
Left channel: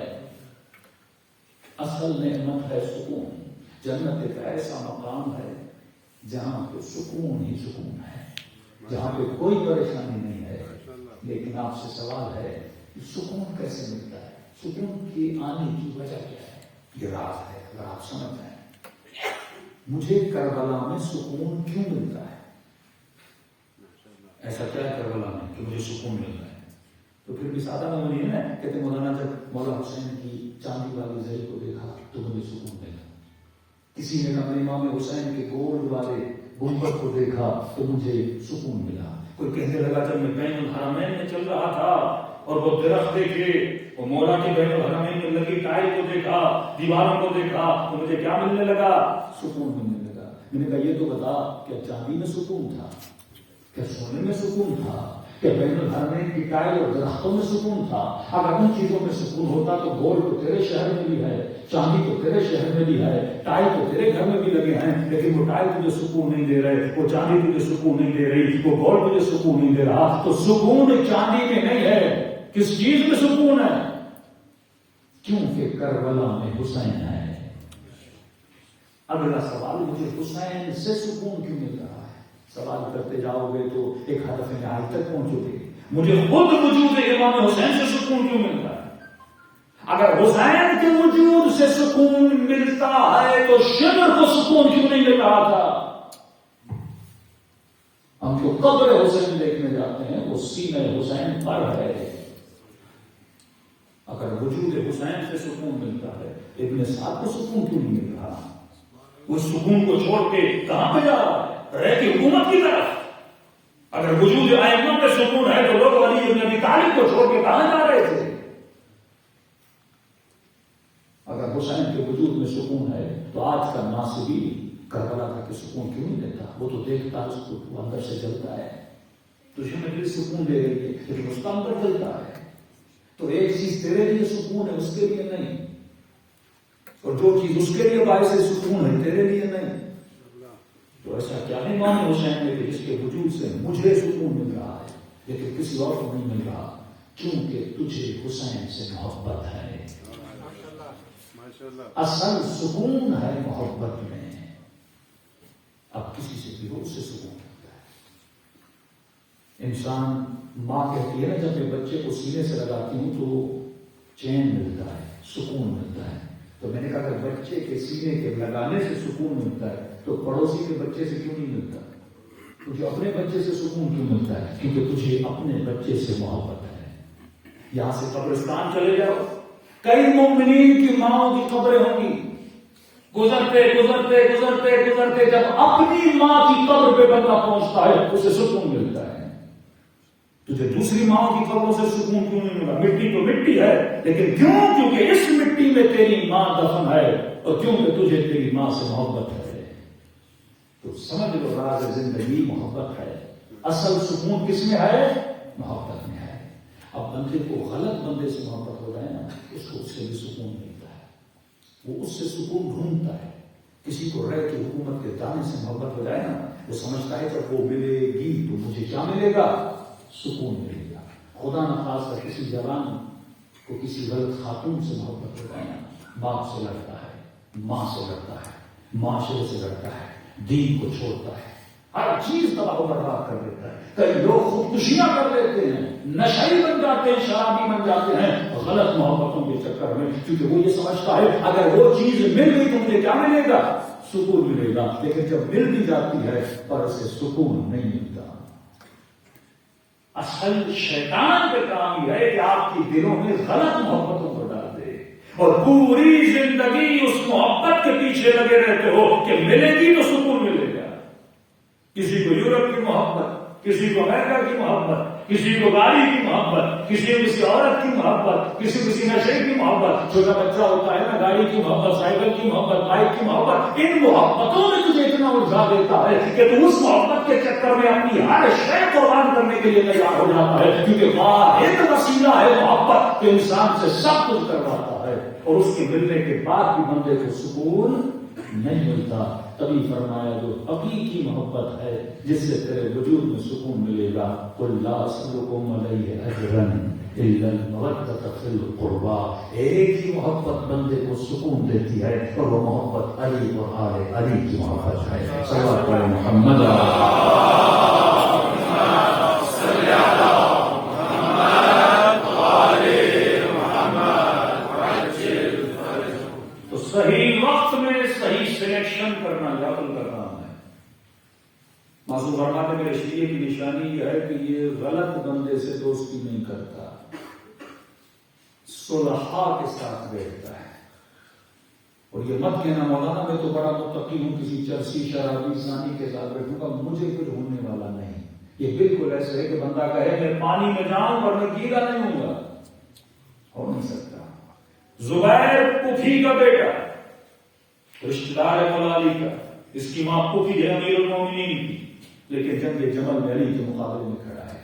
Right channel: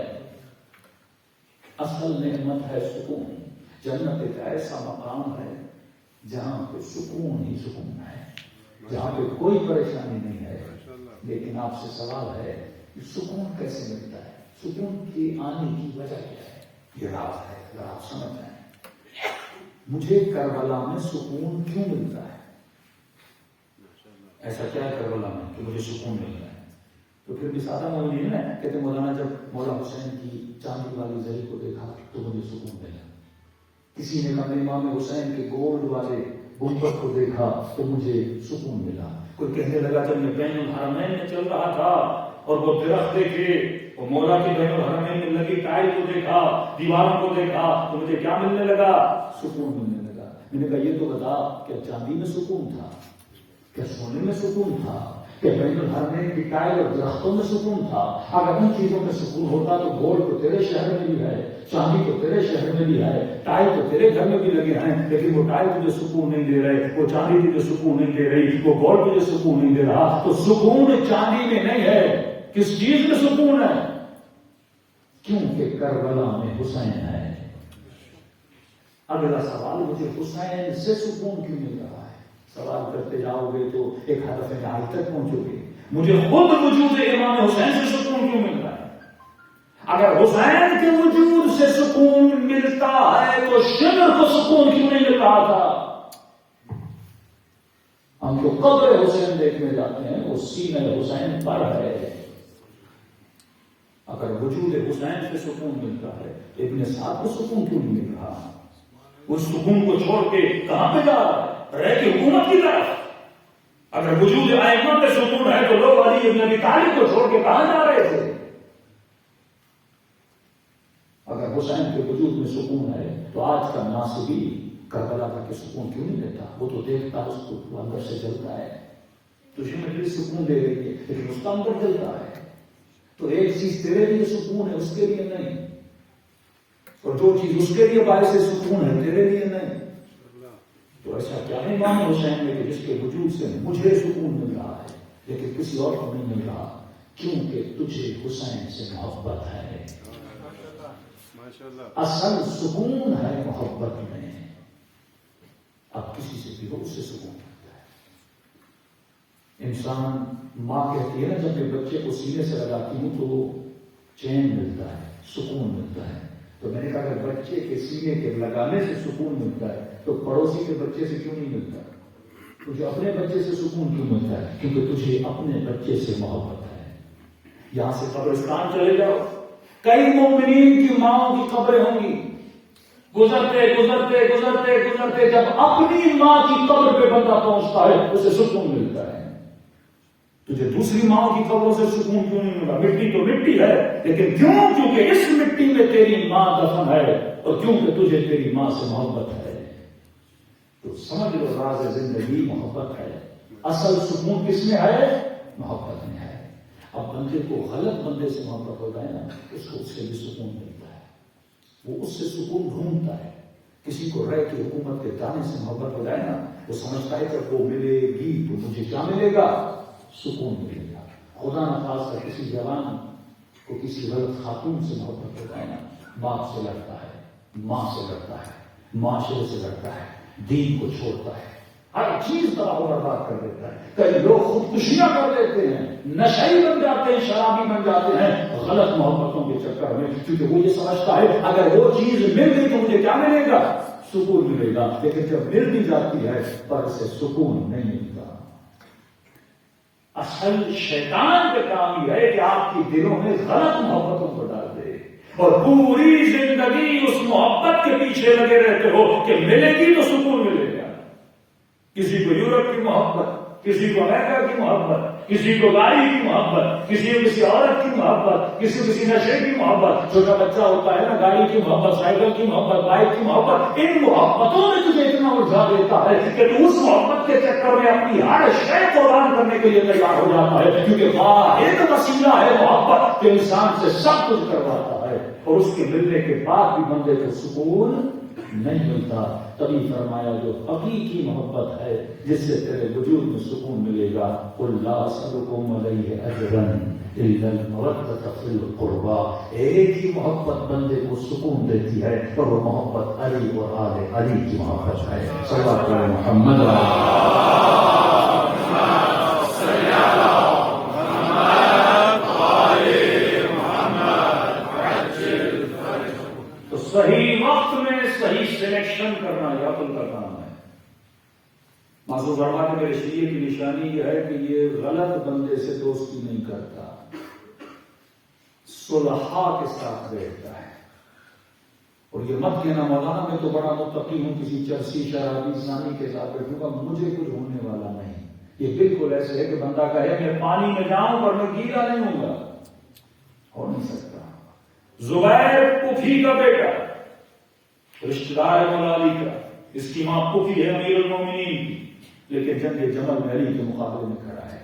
اصل نعمت ہے سکون. جنت ایک ایسا مقام ہے جہاں پہ سکون ہی سکون ہے, جہاں پہ کوئی پریشانی نہیں ہے. لیکن آپ سے سوال ہے کہ سکون کیسے ملتا ہے, سکون کی آنے کی وجہ کیا ہے؟ یہ راز ہے, اگر آپ سمجھ جائیں. مجھے کربلا میں سکون کیوں ملتا ہے؟ ایسا کیا ہے کربلا میں کہ مجھے سکون ملتا ہے؟ تو پھر بھی سادہ معمولی ہے نا, کہتے مولانا جب مولا حسین کی چاندی والی زری کو دیکھا تو مجھے سکون ملا. کسی نے اپنے امام حسین کے گولڈ والے گنبد کو دیکھا تو مجھے سکون ملا. کوئی کہنے لگا جب میں بین الحرمین میں چل رہا تھا اور وہ درخت دیکھے, وہ مولا کے بین الحرمین میں لگی ٹائل کو دیکھا, دیواروں کو دیکھا تو مجھے کیا ملنے لگا؟ سکون ملنے لگا. میں نے کہا یہ تو بتا, کیا چاندی میں سکون تھا, کیا سونے میں سکون تھا, کہ بین الحرمین کی ٹائل اور درختوں میں سکون تھا؟ اگر ان چیزوں میں سکون ہوتا تو گولڈ تو تیرے شہر میں بھی ہے, چاندی تو تیرے شہر میں بھی ہے, ٹائل تو تیرے گھر میں بھی لگے ہیں, لیکن وہ ٹائل تجھے سکون نہیں دے رہے, وہ چاندی تجھے سکون نہیں دے رہی, وہ گولڈ تجھے سکون نہیں دے رہا. تو سکون چاندی میں نہیں ہے, کس چیز میں سکون ہے؟ کیونکہ کربلا میں حسین ہے. اگلا سوال, مجھے حسین سے سکون کیوں مل رہا ہے؟ سوال کرتے جاؤ گے تو ایک ہدف نہایت تک پہنچو گے. مجھے خود وجود امام حسین سے سکون کیوں مل رہا ہے؟ اگر حسین کے وجود سے سکون ملتا ہے تو شمر کو سکون کیوں نہیں مل رہا تھا؟ ہم جو قبر حسین دیکھنے جاتے ہیں وہ سینہ حسین پر ہے. اگر وجود حسین سے سکون ملتا ہے, ابن سعد کو سکون کیوں نہیں مل رہا؟ وہ سکون کو چھوڑ کے کہاں پہ جا رہا ہے؟ رہ کے حکومت کی طرف. اگر وجود ائمہ میں سکون ہے تو لوگ علی بن ابی طالب کو چھوڑ کے کہاں جا رہے تھے؟ اگر حسین کے وجود میں سکون ہے تو آج کا ناصبی کربلا کا کہ سکون کیوں نہیں دیتا؟ وہ تو دیکھتا ہے, اس کو اندر سے جلتا ہے. تجھے میں دل سکون دے رہی ہے لیکن اس کا اندر جلتا ہے. تو ایک چیز تیرے لیے سکون ہے, اس کے لیے نہیں, اور جو چیز اس کے لیے باعث سکون ہے تیرے لیے نہیں. تو ایسا کیا ہے امام حسین میں کہ جس کے وجود سے مجھے سکون مل رہا ہے لیکن کسی اور کو نہیں مل رہا؟ کیونکہ تجھے حسین سے محبت ہے. اصل سکون ہے محبت میں. اب کسی سے بھی ہو اس سے سکون ملتا ہے. انسان, ماں کہتی ہے نا جب میں بچے کو سینے سے لگاتی ہوں تو چین ملتا ہے, سکون ملتا ہے. تو میں نے کہا کہ بچے کے سینے کے لگانے سے سکون ملتا ہے تو پڑوسی کے بچے سے کیوں نہیں ملتا؟ تجھے اپنے بچے سے سکون کیوں ملتا ہے؟ کیونکہ تجھے اپنے بچے سے محبت ہے. یہاں سے قبرستان چلے جاؤ, کئی مومنین کی ماؤں کی قبریں ہوں گی, گزرتے گزرتے گزرتے گزرتے جب اپنی ماں کی قبر پہ بندہ پہنچتا ہے اسے سکون ملتا ہے. تجھے دوسری ماں کی قبروں سے سکون کیوں نہیں ملا؟ مٹی تو مٹی ہے, لیکن کیوں؟ کیونکہ اس مٹی میں تیری ماں دفن ہے اور کیونکہ تجھے تیری ماں سے محبت ہے. تو سمجھ لو راز زندگی محبت ہے. اصل سکون کس میں ہے؟ محبت میں ہے. اب بندے کو غلط بندے سے محبت ہو جائے نا, اس کو اس سے بھی سکون ملتا ہے. وہ اس سے سکون ڈھونڈتا ہے. کسی کو رہ کے حکومت کے دانے سے محبت ہو جائے نا, وہ سمجھتا ہے جب وہ ملے گی تو مجھے کیا ملے گا؟ سکون ملے گا. خدا نخواستہ کسی جوان کو کسی غلط خاتون سے محبت ہو جائے نا, باپ سے لڑتا ہے, ماں سے لڑتا ہے, معاشرے سے لڑتا ہے, دین کو چھوڑتا ہے, ہر چیز تباہ و برباد کر دیتا ہے. کئی لوگ خودکشیاں کر دیتے ہیں, نشئی بن جاتے ہیں, شرابی بن جاتے ہیں غلط محبتوں کے چکر میں, کیونکہ وہ یہ سمجھتا ہے اگر وہ چیز مل گئی تو مجھے کیا ملے گا؟ سکون ملے گا. لیکن جب مل بھی جاتی ہے پر اسے سکون نہیں ملتا. اصل شیطان کا کام یہ ہے کہ آپ کے دلوں میں غلط محبتوں کو ڈال دے اور پوری زندگی اس محبت کے پیچھے لگے رہتے ہو کہ ملے گی تو سکون ملے گا. کسی کو یورپ کی محبت, کسی کو امریکہ کی محبت, کسی کو گاڑی کی محبت, کسی کو کسی عورت کی محبت, کسی کو کسی نشے کی محبت. چھوٹا بچہ ہوتا ہے نا, گاڑی کی محبت, سائیکل کی محبت, بائک کی محبت. ان محبتوں میں تجھے اتنا الجھا دیتا ہے کہ تو اس محبت کے چکر میں اپنی ہر شے قربان کرنے کے لیے تیار ہو جاتا ہے, کیونکہ واحد وسیلہ ہے محبت کہ انسان سے سب کچھ کرواتا ہے. اور اس کے ملنے کے بعد بھی بندے کو سکون نہیں ملتا. تبھی فرمایا جو حقیقی محبت ہے جس سے تیرے وجود میں سکون ملے گا, قل لا اسألکم علیہ اجرا الا المودۃ فی القربى، ایک ہی محبت بندے کو سکون دیتی ہے اور وہ محبت علی اور آل علی کی محبت ہے۔ صلی اللہ علیہ محمد۔ تو صحیح وقت میں صحیح سلیکشن کرنا یہ عقل کا کام ہے۔ معصوم فرماتے میرے شیعہ کی نشانی یہ ہے کہ یہ غلط بندے سے دوستی نہیں کرتا، صلحاء کے ساتھ بیٹھتا ہے۔ اور یہ مت کہنا مولانا میں تو بڑا متقی ہوں، کسی چرسی شرابی زانی کے ساتھ بیٹھوں گا، مجھے کچھ ہونے والا نہیں۔ یہ بالکل ایسے ہے کہ بندہ کہے میں پانی میں جاؤں پر میں گیلا نہیں ہوں گا، ہو نہیں سکتا۔ زبیر پوفی کا بیٹا، رشتہ دار ہے مولا علی کا، اس کی ماں پوفی ہے امیر المومنین کی، لیکن جنگ جمل میں علی کے مقابلے میں کھڑا ہے۔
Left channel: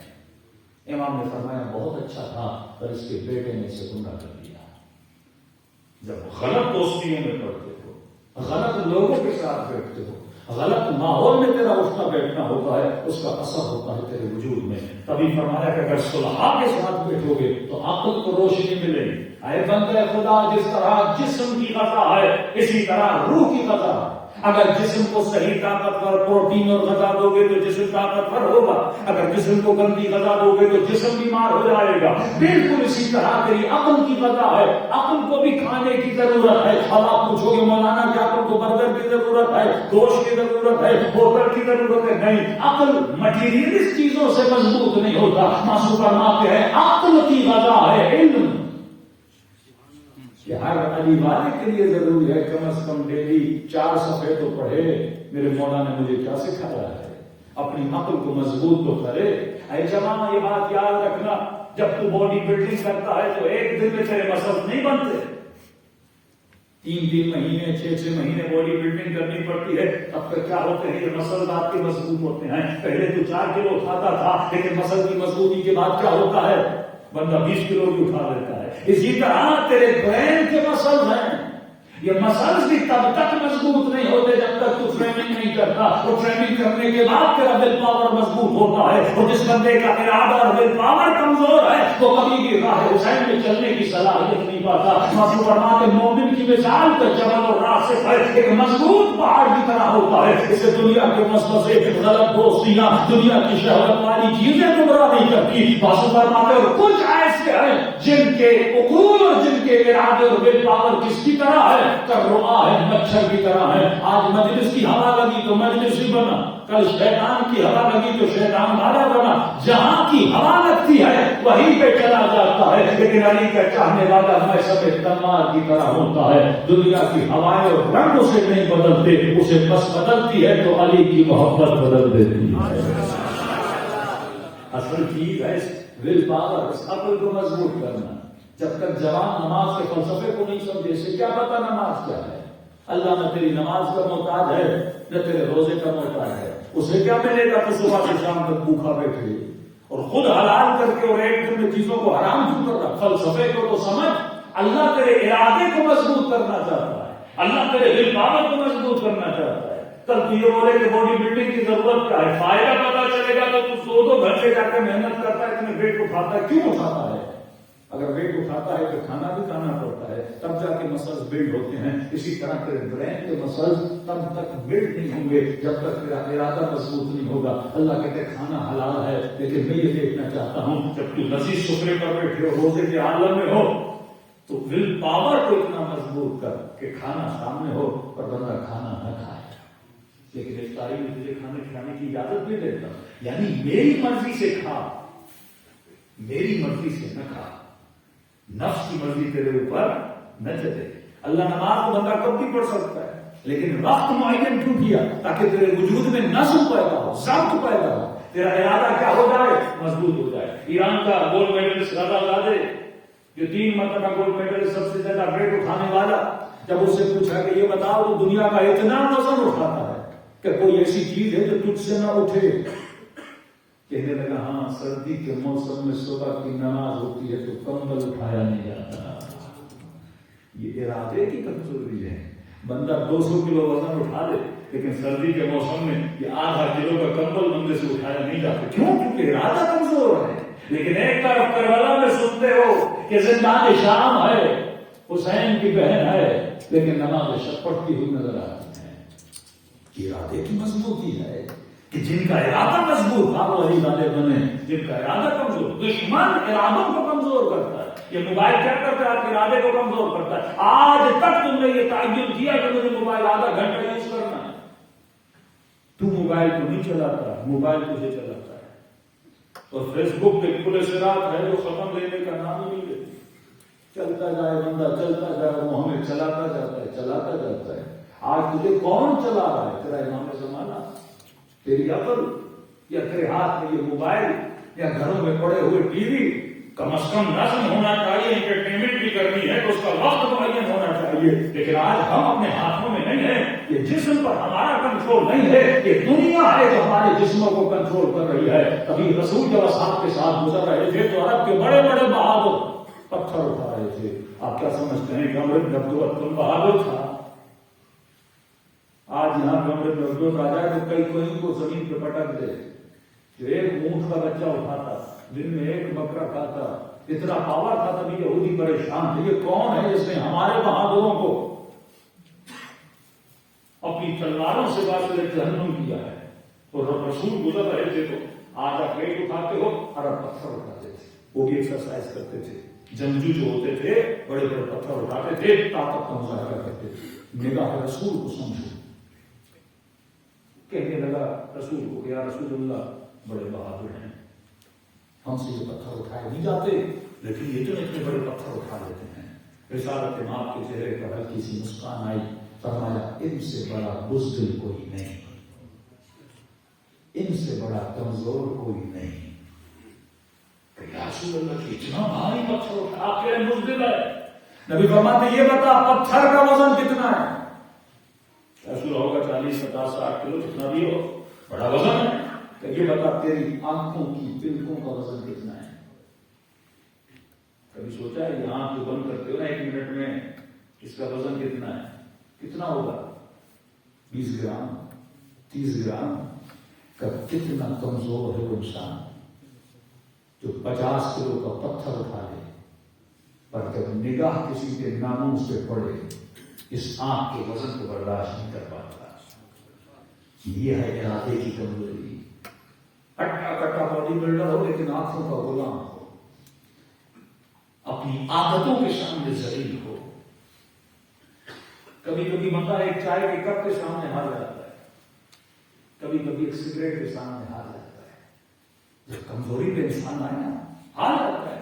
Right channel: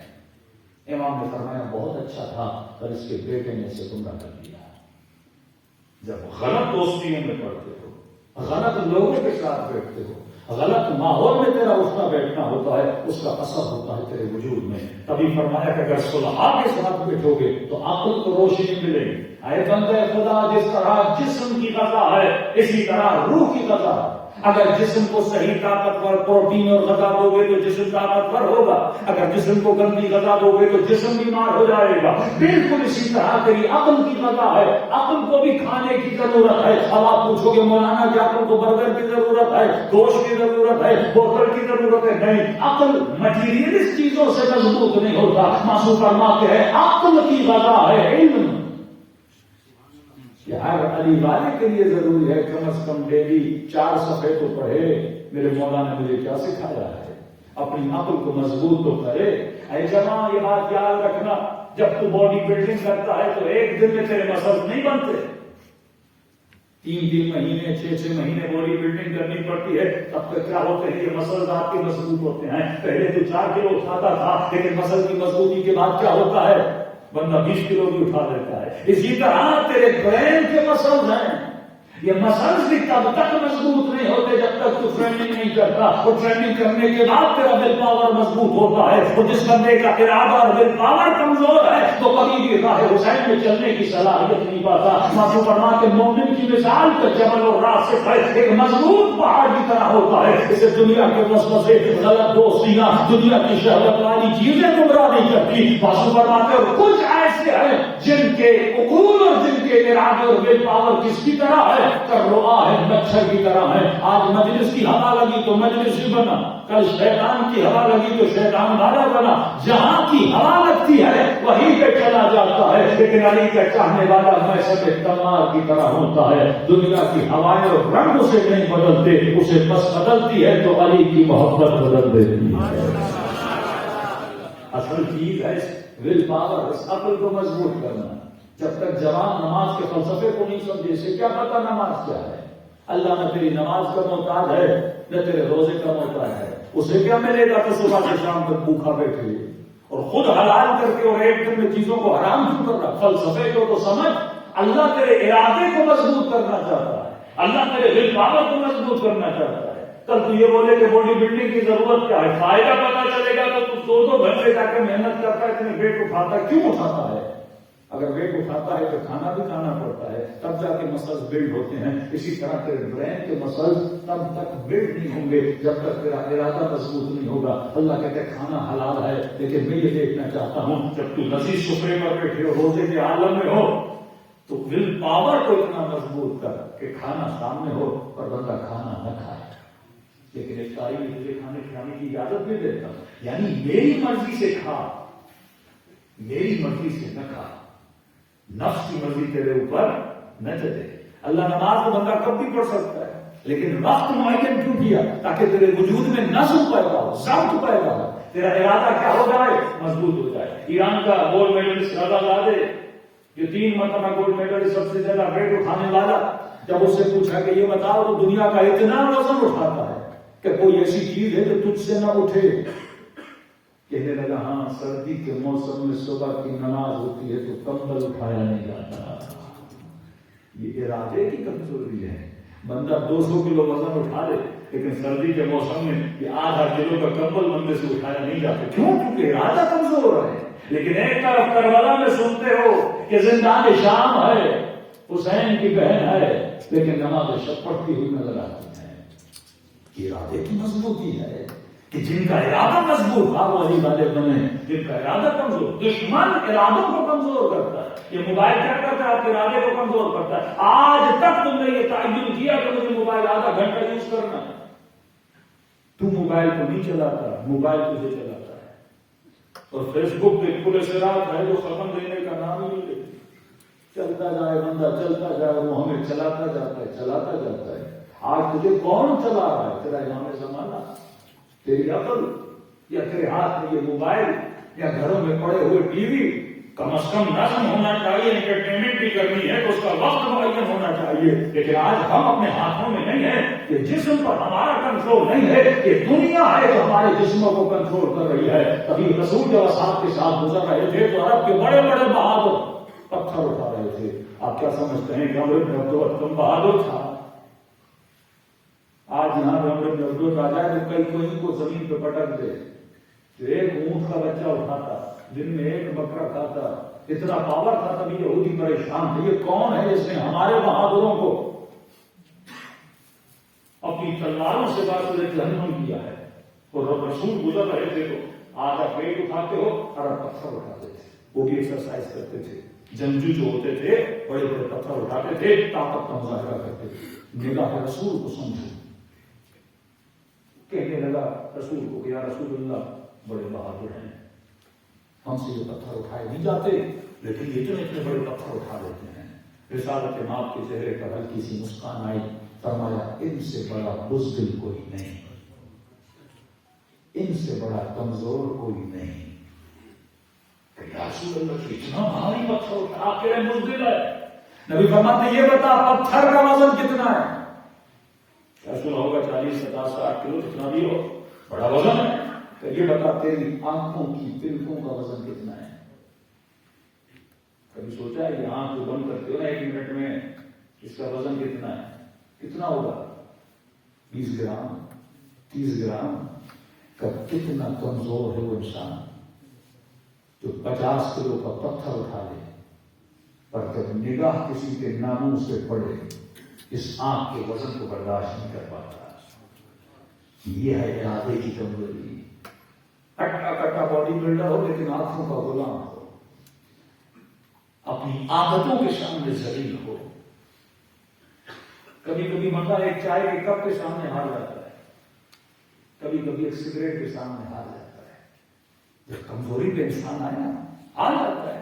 امام نے فرمایا بہت اچھا تھا اور اس کے بیٹے نے اسے گمراہ کر دیا۔ جب غلط دوستیوں میں پڑتے ہو، غلط لوگوں کے ساتھ بیٹھتے ہو، غلط ماحول میں تیرا اٹھنا بیٹھنا ہوتا ہے، اس کا اثر ہوتا ہے تیرے وجود میں۔ تبھی فرمایا کہ اگر صلحاء کے ساتھ بیٹھو گے تو عقل کو روشنی ملے گی۔ اے بندے خدا، جس طرح جسم کی غذا ہے اسی طرح روح کی غذا ہے۔ اگر جسم کو صحیح طاقتور پروٹین اور غذا دو گے تو جسم طاقتور ہوگا، اگر جسم کو گندی غذا دو گے تو جسم بیمار ہو جائے گا۔ بالکل اسی طرح تیری عقل کی غذا ہے، عقل کو بھی کھانے کی ضرورت ہے۔ اب آپ پوچھو گے مولانا کیا عقل کو برگر کی ضرورت ہے، گوشت کی ضرورت ہے، بوتل کی ضرورت ہے؟ نہیں، عقل مٹیریلسٹ چیزوں سے مضبوط نہیں ہوتا۔ معصوم فرماتے ہیں عقل کی غذا ہے علم، کہ ہر علی والے کے لیے ضروری ہے کم از کم ڈیلی 4 صفحے تو پڑھے۔ میرے مولا نے مجھے کیا سکھایا ہے؟ اپنی عقل کو مضبوط تو کرے۔ اے جماعت یہ بات یاد رکھنا، جب تو باڈی بلڈنگ کرتا ہے تو ایک دن میں تیرے مسلز نہیں بنتے، 3 مہینے 6 مہینے باڈی بلڈنگ کرنی پڑتی ہے، تب تک کیا ہوتے ہیں یہ مسلز آپ کے مضبوط ہوتے ہیں۔ پہلے تو 4 کلو اٹھاتا تھا، لیکن مسل کی مضبوطی کے بعد کیا ہوتا ہے؟ بندہ 20 کلو بھی اٹھا دیتا ہے۔ اسی طرح تیرے برین کے مسلز ہیں، یہ مسلز بھی تب تک مضبوط نہیں ہوتے جب تک تو ٹریننگ نہیں کرتا، اور ٹریننگ کرنے کے بعد تیرا ول پاور مضبوط ہوتا ہے۔ اور جس بندے کا ارادہ اور ول پاور کمزور ہے وہ کبھی بھی راہ حسین میں چلنے کی صلاحیت نہیں پاتا۔ معصوم فرماتے مومن کی مثال کا جبل اور راسخ ہے، ایک مضبوط پہاڑ کی طرح ہوتا ہے۔ اسے دنیا کے وسوسے، غلط دوستیاں، دنیا کی شہوت والی چیزیں گمراہ نہیں کرتی۔ معصوم فرماتے اور کچھ ایسے ہیں جن کے عقول اور جن کے ارادے اور ول پاور کس کی طرح ہے؟ کروا ہے، مچھر کی طرح ہے۔ آج مجلس کی ہوا لگی تو مجلس ہی بنا، کل شیطان کی ہوا لگی تو شیطان والا بنا۔ جہاں کی ہوا لگتی ہے وہیں پہ چلا جاتا ہے، لیکن علی کا چاہنے والا میں سب تمار کی طرح ہوتا ہے۔ دنیا کی ہوائیں اور رنگ اسے نہیں بدلتے، اسے بس بدلتی ہے تو علی کی محبت بدل دیتی ہے۔ اصل چیز ہے ول پاور، بس عقل کو مضبوط کرنا۔ جب تک جوان نماز کے فلسفے کو نہیں سمجھے، اسے کیا پتا نماز کیا ہے؟ اللہ نہ تیری نماز کا محتاج ہے نہ تیرے روزے کا محتاج ہے، اسے کیا ملے گا کہ صبح سے شام تک بھوکا بیٹھے اور خود حلال کر کے اور ایک دن میں چیزوں کو حرام کیوں کر رہا؟ فلسفے کو تو سمجھ۔ اللہ تیرے ارادے کو مضبوط کرنا چاہتا ہے، اللہ تیرے ول پاور کو مضبوط کرنا چاہتا ہے۔ کل تو یہ بولے کہ باڈی بلڈنگ کی ضرورت کیا ہے، فائدہ پتا چلے گا تو 2 گھنٹے جا کے محنت کرتا ہے، اتنے ویٹ اٹھاتا ہے، کیوں اٹھاتا ہے؟ اگر ویٹ اٹھاتا ہے تو کھانا بھی کھانا پڑتا ہے، تب جا کے مسلز بلڈ ہوتے ہیں۔ اسی طرح تیرے برین کے مسلز تب تک بلڈ نہیں ہوں گے جب تک تیرا ارادہ مضبوط نہیں ہوگا۔ اللہ کہتے ہیں کھانا حلال ہے، لیکن میں یہ دیکھنا چاہتا ہوں جب تو لذیذ سفرے پر بیٹھے ہو، روزے کے عالم میں ہو، تو ول پاور کو اتنا مضبوط کر کہ کھانا سامنے ہو پر بندہ کھانا نہ کھائے، لیکن ایک تاریخ میں تجھے کھانے کھلانے کی اجازت بھی دیتا، یعنی میری مرضی سے کھا، میری مرضی سے نہ کھا، نفس کی مرضی تیرے اوپر نہ چلے۔ اللہ نماز کو بندہ کب بھی پڑھ سکتا ہے، لیکن وقت معین کیوں کیا؟ تاکہ تیرے وجود میں نظم پیدا ہو، ضبط پیدا ہو، تیرا ارادہ کیا ہو جائے؟ مضبوط ہو جائے۔ ایران کا گولڈ میڈلسٹ رضا زادے جو 3 مرتبہ گولڈ میڈل سب سے زیادہ ویٹ اٹھانے والا، جب اس سے پوچھا کہ یہ بتاؤ تو دنیا کا اتنا وزن اٹھاتا ہے کہ کوئی ایسی چیز ہے جو تجھ سے نہ اٹھے؟ کہنے لگا ہاں، سردی کے موسم میں صبح کی نماز ہوتی ہے تو کمبل اٹھایا نہیں جاتا۔ یہ ارادے کی کمزوری ہے۔ بندہ 200 کلو وزن اٹھا لے لیکن سردی کے موسم میں یہ آدھا کلو کا کمبل بندے سے اٹھایا نہیں جاتا. کیوں؟ کیونکہ ارادہ کمزور ہے. لیکن ایک طرف کربلا میں سنتے ہو کہ زندان شام ہے، حسین کی بہن ہے، لیکن نماز شب پڑھتی ہوئی نظر آتی ہے. ارادے کی مضبوطی ہے کہ جن کا ارادہ مضبوط آپ وہی والے بنے، جن کا ارادہ کمزور. دشمن ارادوں کو کمزور کرتا ہے. یہ موبائل کیا کرتا ہے؟ آپ کے ارادے کو کمزور کرتا ہے. آج تک تم نے یہ تعین کیا کہ مجھے موبائل آدھا گھنٹہ یوز کرنا ہے، تو موبائل کو نہیں چلاتا، موبائل تجھے چلاتا ہے. اور فیس بک پہ کھلے سرات ہے جو ختم لینے کا نام ہی نہیں لیتے. چلتا جائے بندہ، چلتا جائے، وہ ہمیں چلاتا جاتا ہے، چلاتا جاتا ہے. آج تجھے کون چلا رہا ہے؟ تیرا امام زمانہ، تیری عقل، یا تیرے ہاتھ میں یہ موبائل، یا گھروں میں پڑے ہوئے ٹی وی؟ کم از کم نظم ہونا چاہیے، انٹرٹینمنٹ بھی کرنی ہے تو اس کا وقت معین ہونا چاہیے. لیکن آج ہم اپنے ہاتھوں میں نہیں ہیں. یہ جسم پر ہمارا کنٹرول نہیں ہے، یہ دنیا ہے جو ہمارے جسموں کو کنٹرول کر رہی ہے. ابھی رسول جب اصحاب کے ساتھ گزر رہے تھے تو عرب کے بڑے بڑے بہادر پتھر اٹھا رہے تھے. آپ کیا سمجھتے ہیں کہ عمر بن عبد کم بہادر تھا؟ آج یہاں پہ عمر بن عبد آ جائے تو کہیں کو زمین پہ پٹک دے. جو ایک اونٹ کا بچہ اٹھاتا، دن میں ایک بکرا کھاتا، اتنا پاور تھا، تبھی یہودی پریشان تھے. یہ کون ہے جس نے ہمارے بہادروں کو اپنی تلواروں سے باسل جہنم کیا ہے؟ اور رسول گزر رہے تھے تو آدھا پیٹ اٹھاتے ہو، عرب پتھر اٹھاتے تھے. وہ بھی ایکسرسائز کرتے تھے. جنگجو جو ہوتے تھے بڑے بڑے پتھر اٹھاتے تھے، طاقت کا مظاہرہ کرتے تھے. نگاہ رسول کو سمجھو. کہنے لگا رسول کو کہ یا رسول اللہ، بڑے بہادر ہیں، ہم سے جو پتھر اٹھائے نہیں جاتے، لیکن یہ اتنے بڑے پتھر اٹھا لیتے ہیں. رسالت ماں کے چہرے پر ہلکی سی مسکان آئی. فرمایا ان سے بڑا بزدل کوئی نہیں، ان سے بڑا کمزور کوئی نہیں. یا رسول اللہ کی اتنا بھاری پتھر اٹھا، آپ کہہ رہے ہیں بزدل ہے. نبی فرماتے یہ بتا پتھر کا وزن کتنا ہے؟ رسول ہوگا 40 50 60 کلو، جتنا بھی ہو، بڑا وزن ہے. کہ یہ بتا تیری آنکھوں کی پلکوں کا وزن کتنا ہے؟ کبھی سوچا ہے یہ آنکھ جو بند کرتے ہو نا 1 منٹ میں، اس کا وزن کتنا ہے؟ کتنا ہوگا؟ 20 گرام 30 گرام کا. کتنا کمزور ہے وہ انسان جو 50 کلو کا پتھر اٹھا لے، پر جب نگاہ کسی کے ناموں سے پڑے اس آنکھ کے وزن کو برداشت نہیں کر پاتا. یہ ہے ارادے کی کمزوری. ہٹا کٹا باڈی بلڈر ہو لیکن آنکھوں کا غلام ہو، اپنی عادتوں کے سامنے ذلیل ہو. کبھی کبھی بندہ ایک چائے کے کپ کے سامنے ہار جاتا ہے، کبھی کبھی ایک سگریٹ کے سامنے ہار جاتا ہے. جب کمزوری پہ انسان آئے نا، ہار جاتا ہے.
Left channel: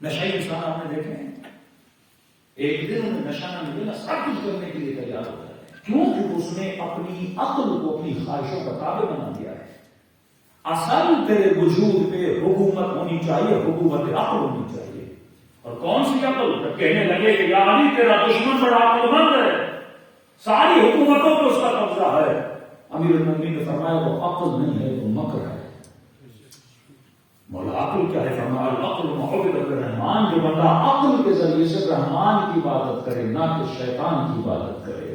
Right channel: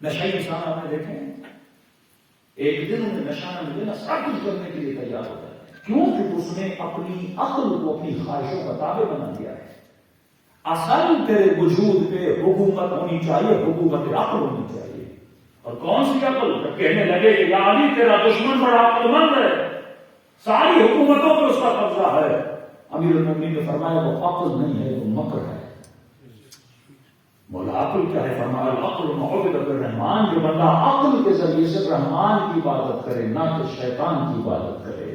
نشئی انسان آپ نے دیکھے، ایک دن انہیں نشہ نہ ملے نا، سب کچھ کرنے کے لیے تیار ہوتا ہے. کیوں؟ کہ اس نے اپنی عقل کو اپنی خواہشوں کا تابع بنا دیا ہے. اصل تیرے وجود پہ حکومت ہونی چاہیے، حکومت عقل ہونی چاہیے. اور کون سی عقل؟ جب کہنے لگے کہ یا علی تیرا دشمن بڑا عقل مند ہے، ساری حکومتوں پہ اس کا قبضہ ہے. امیر المومنین نے فرمایا وہ عقل نہیں ہے، وہ مکر ہے. مولا عقل کیا ہے؟ فرمایا العقل محبت الرحمان. جو بندہ عقل کے ذریعے سے رحمان کی عبادت کرے، نہ کہ شیطان کی عبادت کرے.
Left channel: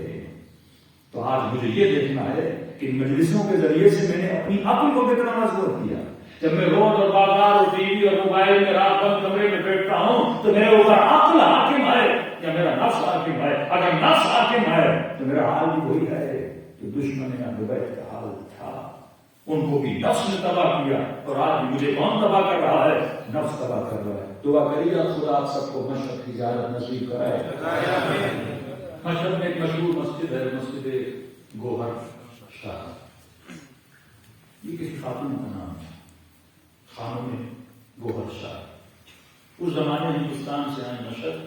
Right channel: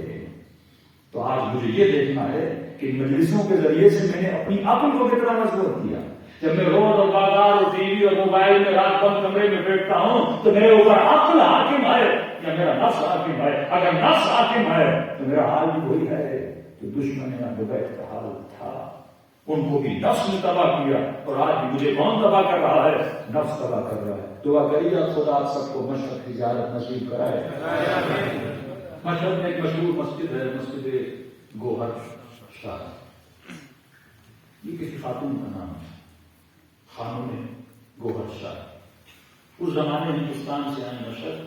تو آج مجھے یہ دیکھنا ہے کہ مجلسوں کے ذریعے سے میں نے اپنی عقل کو کتنا مضبوط کیا. جب میں روڈ اور بازار اور ٹی وی اور موبائل میں رات بند کمرے میں بیٹھتا ہوں تو میرے اوپر عقل حاکم ہے یا میرا نفس حاکم ہے؟ اگر نفس حاکم ہے تو میرا حال بھی وہی ہے جو دشمن بیت کا حال تھا. ان کو بھی نفس نے تباہ کیا، اور آج بھی مجھے کون تباہ کر رہا ہے؟ نفس تباہ کر رہا ہے. دعا کریے خدا آپ سب کو مشرق کی زیارت نصیب کرائے. مشرق میں ایک مشہور مسجد ہے، مسجد گوہر شاہ. یہ کسی خاتون کا نام ہے، خانم گوہر شاہ. اس زمانے ہندوستان سے آئے مشرق.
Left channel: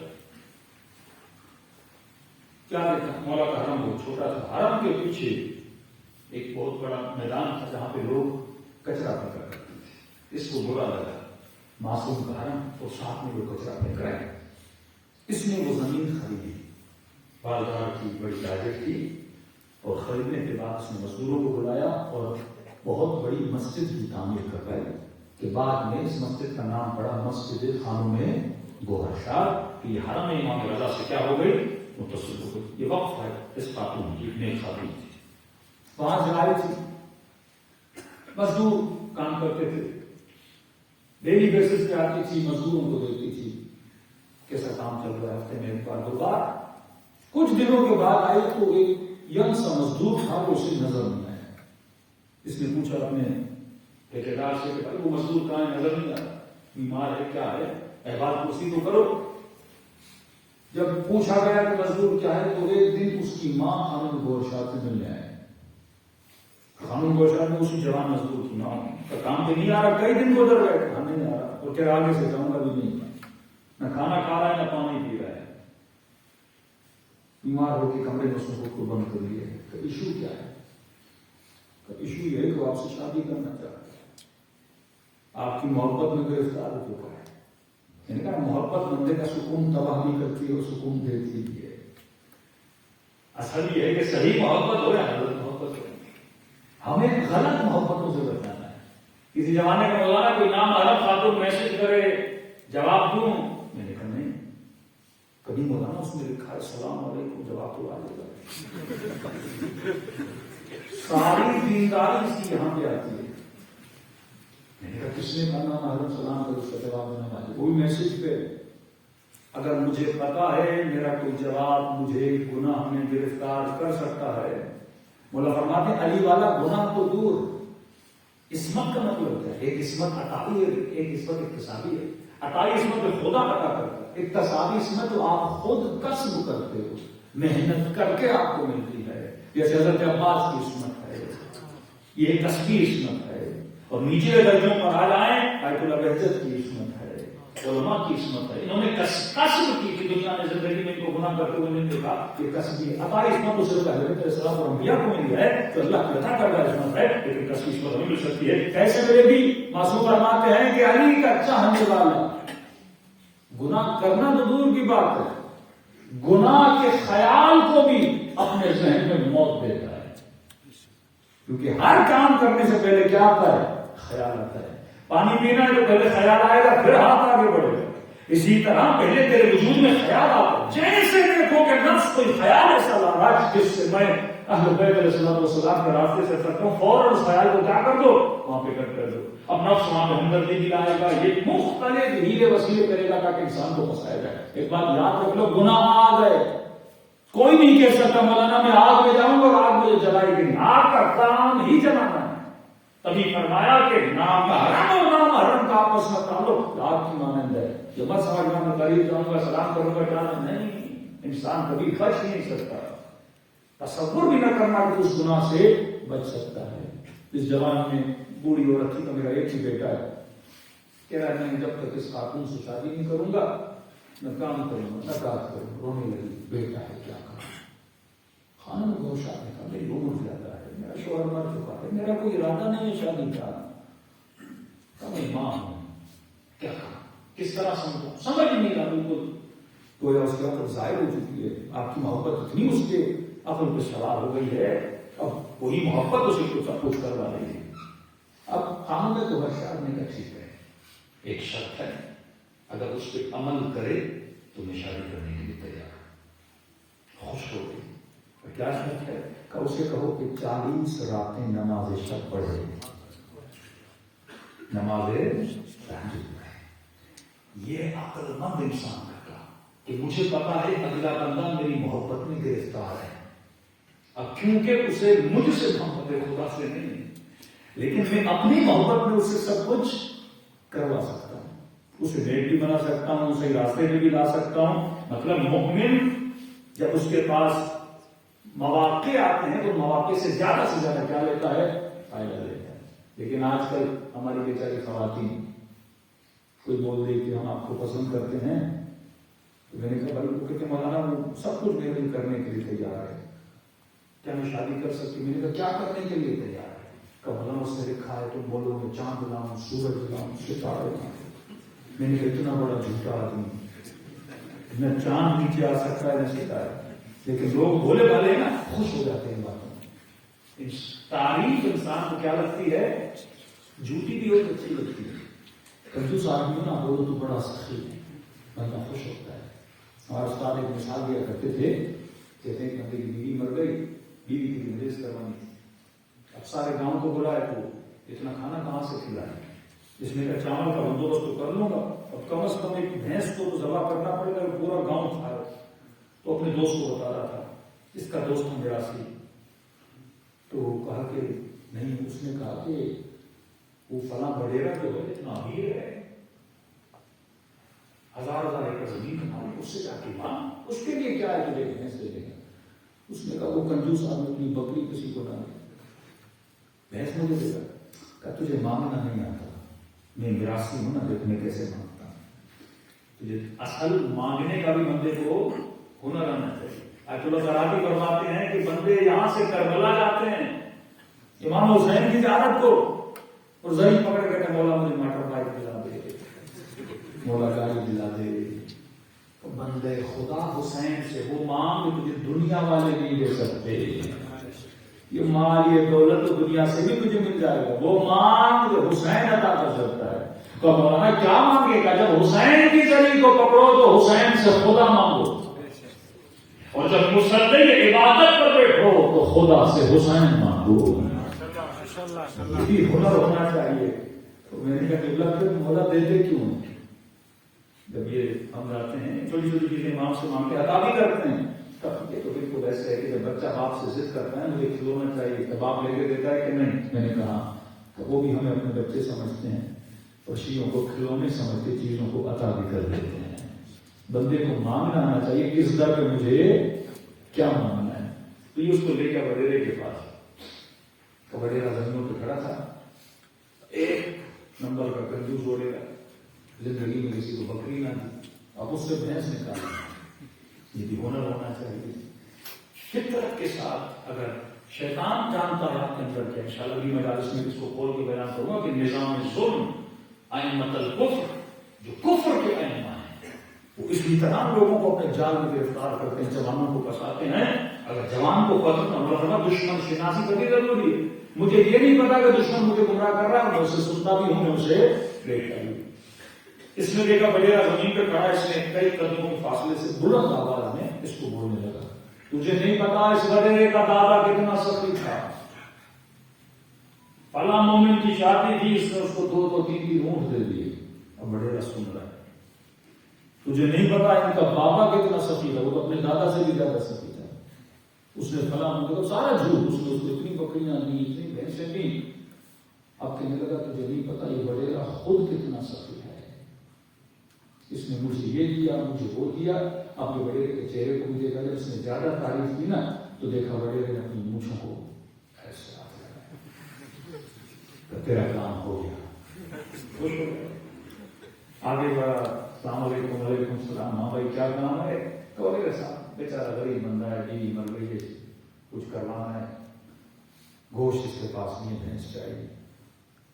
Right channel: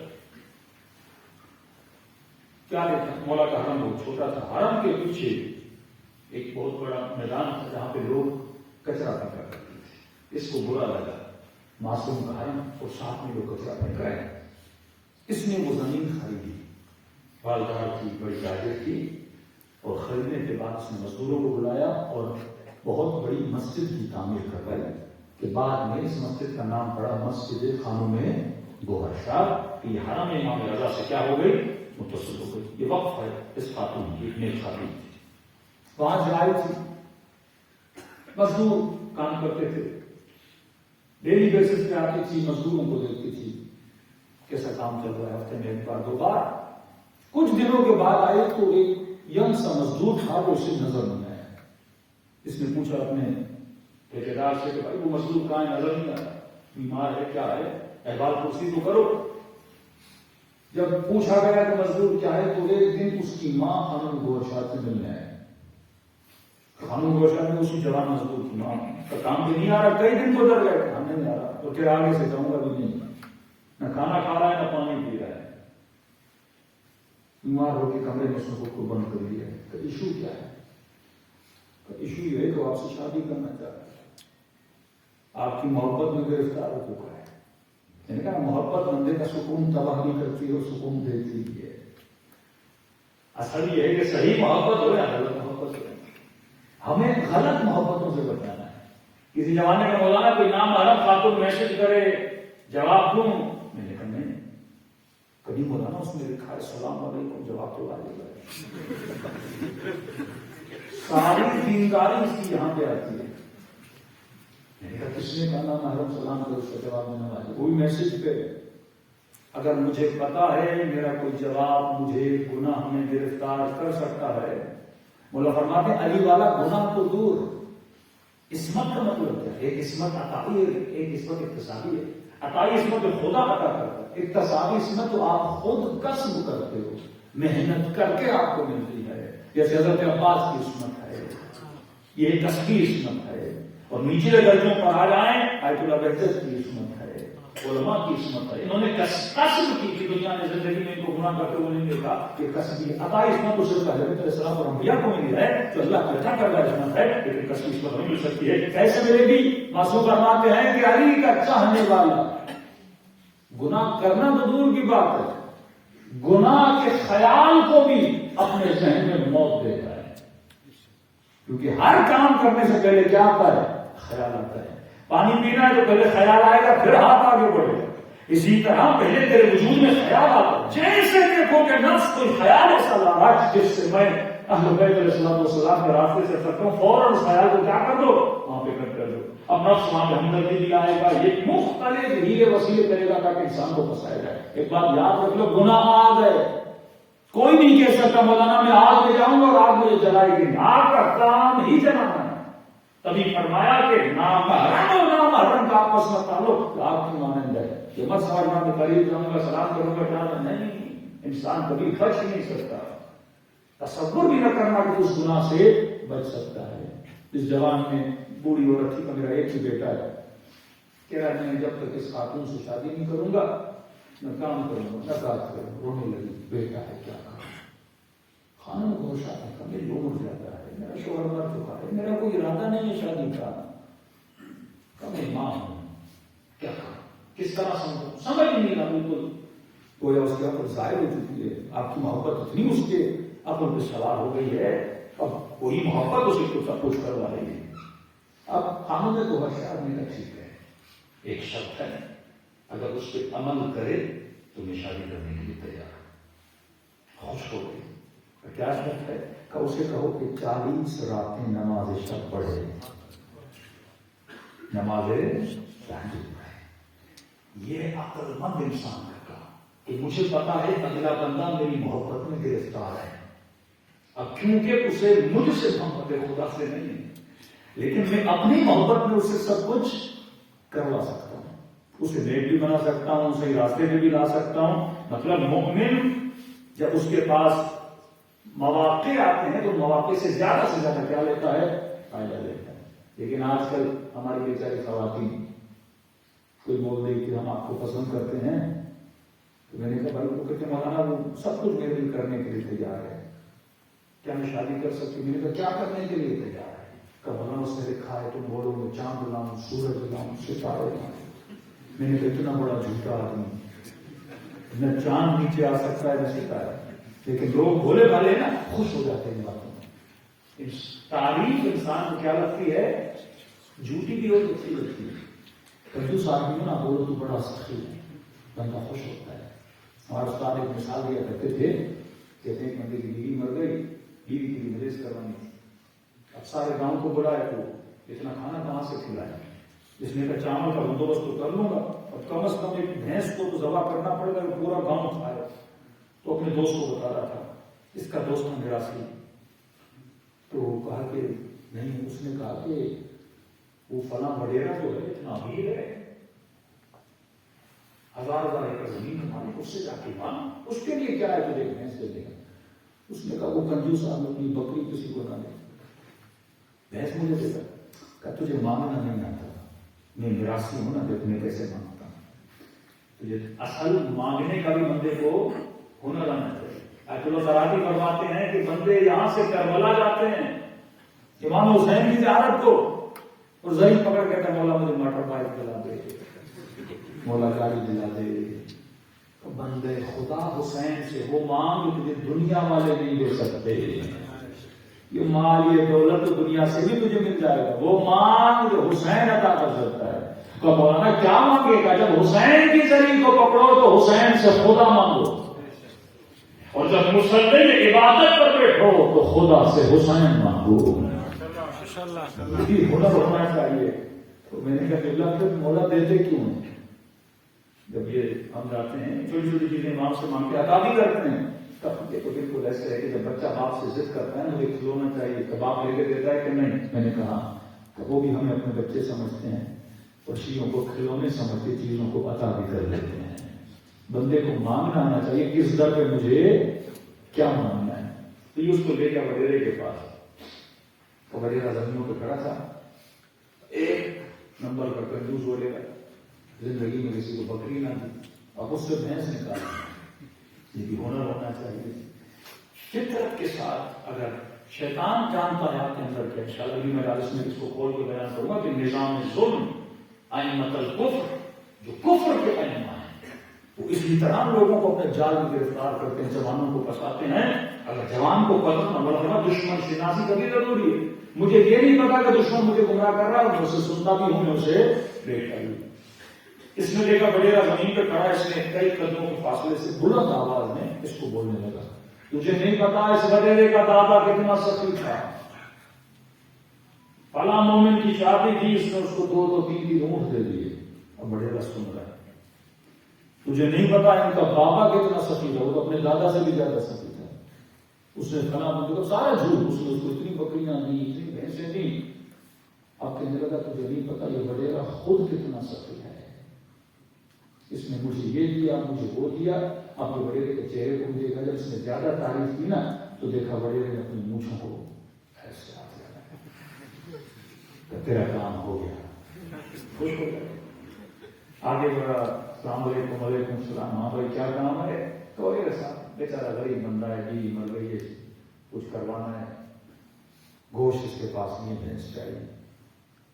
کیا دیکھا؟ مولا کا حرم بہت چھوٹا تھا. حرم کے پیچھے ایک بہت بڑا میدان تھا جہاں پہ لوگ کچرا پھینکا کرتے تھے. اس کو برا لگا، معصوم کا حرم اور ساتھ میں لوگ کچرا پھینک رہے ہیں. اس نے وہ زمین خریدی، بالدار کی بڑی تاجر کی، اور خریدنے کے بعد اس نے مزدوروں کو بلایا اور بہت بڑی مسجد کی تعمیر کروائی. کہ بعد میں اس مسجد کا نام پڑا مسجد خانم گوہر شاہ. کہ یہ حرم امام رضا سے کیا ہو گئی؟ متصل ہو گئی. یہ وقف ہے اس خاتون کی، ایک نیک خاتون تھی. وہاں سے آئی تھی، مزدور کام کرتے تھے، ڈیلی بیسس پہ آتی تھی، مزدوروں کو دیکھتی تھی کیسا کام چل رہا ہے، ہفتے میں ایک بار دو بار۔ کچھ دنوں کے بعد آئی تو ایک ینگ سا مزدور تھا، وہ اسے نظر نہیں آیا۔ اس نے پوچھا اپنے ٹھیکیدار سے کہ بھائی وہ مزدور کہاں ہے، نظر نہیں آتا، بیمار ہے کیا ہے، احوال پرسی تو کرو۔ جب پوچھا گیا کہ مزدور کیا ہے تو ایک دن اس کی ماں خانم گوشا سے ملنے آئے۔ خانم گوشا نے اسی جوان مزدور کی ماں کا کام بھی نہیں آ رہا، کئی دن گزر گئے، کام نہیں آ رہا، اور پھر آگے سے جاؤں گا بھی نہیں، نہ کھانا کھا رہا ہے نہ پانی پی رہا ہے، بیمار ہو کے کمرے میں اس نے خود کو بند کر لیا ہے۔ کہ ایشو کیا ہے؟ کہ ایشو یہ ہے کہ آپ سے شادی کرنا چاہتا ہے، آپ کی محبت میں گرفتار ہو چکا ہے۔ میں نے کہا محبت بندے کا سکون تباہ بھی کرتی ہے اور سکون دیتی بھی ہے۔ اصل یہ ہے کہ صحیح محبت ہو یا غلط محبت ہو، ہمیں غلط محبتوں سے بچانا ہے۔ کسی زمانے کا مولانا کوئی نام حرم خاتون میسج کرے جواب دوں، میں نے کہا نہیں، کبھی مولانا اس میں لکھا ہے السلام علیکم، جواب تو آ جائے گا۔ ساری دینداری اس کی یہاں پہ آتی ہے۔ میں نے کہا کس نے کہا نام حرم سلام کرو، اس کا جواب دینا واجب، کوئی میسج پہ اگر مجھے پتا ہے میرا کوئی جواب مجھے گناہ میں گرفتار کر سکتا ہے۔ مولا فرماتے ہیں علی والا گناہ تو دور، عصمت کا مطلب کیا ہے؟ ایک عصمت عطائی ہے، ایک عصمت اکتسابی ہے۔ عطائی عصمت خدا عطا کرتا ہے، اکتسابی عصمت تو آپ خود کسب کرتے ہو، محنت کر کے آپ کو ملتی ہے، جیسے حضرت عباس کی عصمت ہے، یہ کسبی عصمت ہے۔ اور نیچے درجوں پر آ جائیں، آیت اللہ بہجت کی عصمت ہے، علماء کی عصمت ہے، انہوں نے کسب کی کہ دنیا نے زندگی میں ان کو گناہ کرتے ہوئے نہیں دیکھا، کہ کسبی عطائی عصمت تو صرف حضرت علیہ السلام اور انبیاء کو ملی ہے، تو اللہ کی عطا کردہ عصمت ہے، لیکن کسبی عصمت ہمیں مل سکتی ہے۔ کیسے ملے گی؟ معصوم فرماتے ہیں کہ علی کا چاہنے والا گناہ کرنا تو دور کی بات ہے، گناہ کے خیال کو بھی اپنے ذہن میں موت دیتا ہے، کیونکہ ہر کام کرنے سے پہلے کیا آتا ہے؟ خیال آتا ہے۔ پانی پینا ہے تو پہلے خیال آئے گا، پھر ہاتھ آگے بڑھے گا۔ اسی طرح پہلے تیرے وجود میں خیال آتا ہے، جیسے دیکھو کہ نفس کوئی خیال ایسا لا رہا ہے جس سے میں اہل بیت علیہ السلام کے راستے سے کرتا ہوں، فوراً اس خیال کو کیا کر دو، وہاں پہ کٹ کر دو۔ اب نفس وہاں پہ ہمدردی دلائے گا، یہ مختلف ہیلے وسیلے کرے گا تاکہ انسان کو پھنسائے گا۔ ایک بات یاد رکھ لو، گناہ آ گئے، کوئی نہیں کہہ سکتا مولانا میں آگ میں جاؤں گا اور آگ مجھے جلائے گی، آگ کا کام ہی جلانا ہے۔ تبھی فرمایا کہ نام حرم اور نام حرم کا آپس میں تعلق آگ کی مانند ہے۔ جو مت سمجھنا میں قریب جاؤں گا سلام کروں گا جانا نہیں، انسان کبھی بچ نہیں سکتا، تصور بھی نہ کرنا کہ اس گناہ سے بچ سکتا ہے۔ اس جوان میں بوڑھی عورت تھی، میرا ایک ہی بیٹا ہے، کہہ رہا ہے میں جب تک اس خاتون سے شادی نہیں کروں گا نہ کام کروں گا نہ کام کروں گا، رونے لگی، بیٹا ہے کیا کروں؟ خانم گوشا نے کہا میری عمر زیادہ ہے، میرا شوہر مر چکا ہے، میرا کوئی ارادہ نہیں ہے شادی کا، میں ماں ہوں، کیا کروں، کس طرح سمجھوں؟ سمجھ نہیں رہا بالکل۔ گویا اس کے عقل ظاہر ہو چکی ہے، آپ کی محبت اتنی اس کے عقل پہ سوار ہو گئی ہے، اب کوئی محبت اسے کچھ کروا دے گی۔ اب خامد نے تو ہر شاید نہیں کہا ٹھیک ہے، ایک شرط ہے، اگر اس پہ عمل کرے تو میں شادی کرنے کے لیے تیار ہوں۔ خوش ہو گئی۔ کیا شرط ہے؟ کہ اسے کہو کہ 40 راتیں نماز شب پڑھے، نماز تہجد پڑھے۔ یہ عقل مند انسان کا کام کہ مجھے پتا ہے اگلا بندہ میری محبت میں گرفتار ہے، اب کیونکہ اسے مجھ سے محبت خدا سے نہیں ہے، لیکن میں اپنی محبت میں اسے سب کچھ کروا سکتا ہوں، اسے نیک بھی بنا سکتا ہوں، اسے راستے میں بھی لا سکتا ہوں۔ مطلب مومن جب اس کے پاس مواقع آتے ہیں تو مواقع سے زیادہ کیا لیتا ہے؟ فائدہ لیتا ہے۔ لیکن آج کل ہماری بیچاری خواتین کوئی بول رہی کہ ہم آپ کو پسند کرتے ہیں، تو میں نے کہا بھائی وہ کہتے مولانا وہ سب کچھ میرے لیے کرنے کے لیے تیار ہے، کیا میں شادی کر سکتی؟ میں نے کہا کیا کرنے کے لیے تیار ہے؟ کہ مولانا اس نے لکھا ہے تم بولو میں چاند لاؤں، سورج لاؤں، ستارے لاؤں۔ میں نے کہا اتنا بڑا جھوٹا آدمی، نہ چاند نیچے آ سکتا ہے نہ ستارے، لیکن لوگ بولے والے ہیں نا، خوش ہو جاتے ہیں باتوں میں۔ تعریف انسان کو کیا لگتی ہے؟ جھوٹی بھی ہو تو اچھی لگتی ہے۔ کنجوس آدمی ہو نا بولو تو بڑا سخی ہے، بندہ خوش ہوتا ہے۔ ہمارے استاد ایک مثال دیا کرتے تھے، کہتے ہیں کہ میری بیوی مر گئی، بیوی کی مریض کروانی، اب سارے گاؤں کو بلائے تو اتنا کھانا کہاں سے کھلائے؟ اس نے کہا چاول کا بندوبست تو کر لوں گا، اب کم از کم ایک بھینس کو تو ذبح کرنا پڑے گا کہ پورا گاؤں کھائے۔ تو اپنے دوست کو بتا رہا تھا، اس کا دوست تھا میراثی، تو کہا کہ نہیں، اس نے کہا کہ وہ فلاں وڈیرا جو ہے اتنا امیر ہے، 1000 ایکڑ زمین کا مالک، اس سے جا کے مانگ، اس کے لیے کیا ہے تجھے بھینس دے دیں گے۔ اس نے کہا وہ کنجوس آدمی اپنی بکری کسی کو نہ دے، بھینس مجھے دے گا۔ کہا تجھے مانگنا نہیں آتا، میں میراثی ہوں نا، دیکھ میں کیسے مانگتا ہوں۔ تجھے اصل مانگنے کا بھی بندے کو ہنر آنا چاہیے۔ آیت اللہ تراتی فرماتے ہیں کہ بندے یہاں سے کربلا جاتے ہیں امام حسین کی زیارت کو، اور زہین پکڑ کے کہتے مولا مجھے موٹر بائک دلا دے، مولا گاڑی دلا دے۔ تو بندے خدا حسین سے وہ مانگ تجھے دنیا والے نہیں دے سکتے، یہ مال یہ دولت تو دنیا سے بھی تجھے مل جائے گا، وہ مانگ جو حسین عطا کر سکتا ہے۔ تو مولانا کیا مانگے گا؟ جب حسین کی زری کو پکڑو تو حسین سے خدا مانگو، اور جب مسلم عبادت پر بیٹھو تو خدا سے حسین مانگو۔ یہ ہنر ہونا چاہیے۔ تو میں نے کہا کہ اللہ کے مولا دیتے کیوں ہیں؟ جب یہ ہم جاتے ہیں چھوٹی چھوٹی چیزیں امام سے مانگ کے عطا بھی کرتے ہیں، تب یہ تو بالکل ایسے ہے کہ جب بچہ باپ سے ضد کرتا ہے مجھے کھلونا چاہیے، تو باپ لے کے دیتا ہے کہ نہیں؟ میں نے کہا کہ وہ بھی ہمیں اپنے بچے سمجھتے ہیں اور چیزوں کو کھلونے سمجھ کے چیزوں کو عطا بھی کر لیتے ہیں۔ بندے کو مانگنا آنا چاہیے کس در پہ مجھے کیا مانگنا ہے۔ تو یہ اس کو لے گیا وڈیرے کے پاس، اور وڈیرا زمینوں پہ کھڑا تھا، ایک نمبر کا کنجوس وڈیرا، زندگی میں کسی کو بکری نہ دی، اب اس سے بھینس نکالی۔ یہ بھی ہنر ہونا چاہیے فطرت کے ساتھ۔ اگر شیطان جانتا ہے آپ کے اندر کیا، انشاءاللہ اگلی مجالس میں اس کو کھول کے بیان کروں گا کہ نظام ظلم ائمۃ الکفر، جو کفر کے ائمہ ہیں، وہ اسی طرح لوگوں کو اپنے جال میں گرفتار کرتے ہیں، جوانوں کو پھنساتے ہیں۔ اگر جوان کو پکڑنا دشمن شناسی کا بھی ضروری ہے۔ مجھے یہ نہیں پتا کہ دشمن مجھے گمراہ کر رہا ہے، میں اسے سنتا بھی ہوں، میں اسے دیکھتا بھی ہوں۔ اس نے دیکھا وڈیرا زمین پہ کھڑا، اس نے کئی قدموں کے فاصلے سے بلند آواز میں اس کو بولنے لگا، تجھے نہیں پتا اس وڈیرے کا دادا کتنا سخی تھا، فلاں مومن کی شادی تھی، اس نے اس کو 2-3 اونٹ دے دیے۔ اب وڈیرا سن رہا ہے، تجھے نہیں پتا ان کا بابا کتنا سخی تھا، وہ تو اپنے دادا سے بھی زیادہ سخی تھا، اس نے فلاں تو سارا جھوٹ، اس نے اس کو اتنی بکریاں دی، اتنی بھینسیں دی۔ اب کہنے لگا تجھے نہیں پتا یہ وڈیرا خود کتنا سخی ہے، اس نے مجھے یہ دیا، مجھے وہ دیا۔ اب جو وڈیرے کے چہرے کو بھی دیکھا، جب اس نے زیادہ تعریف کی نا تو دیکھا وڈیرے نے اپنی مونچھوں کو ایسے ہاتھ لگایا کہ تیرا کام ہو گیا، خوش ہو گیا۔ آگے بڑھا، السلام علیکم۔ وعلیکم السلام۔ ہاں بھائی کیا کام ہے؟ تو صاحب بیچارہ غریب بندہ ہے، بیوی مر گئی ہے، کچھ کروانا ہے، گوشت اس کے پاس نہیں ہے، بھینس چاہیے۔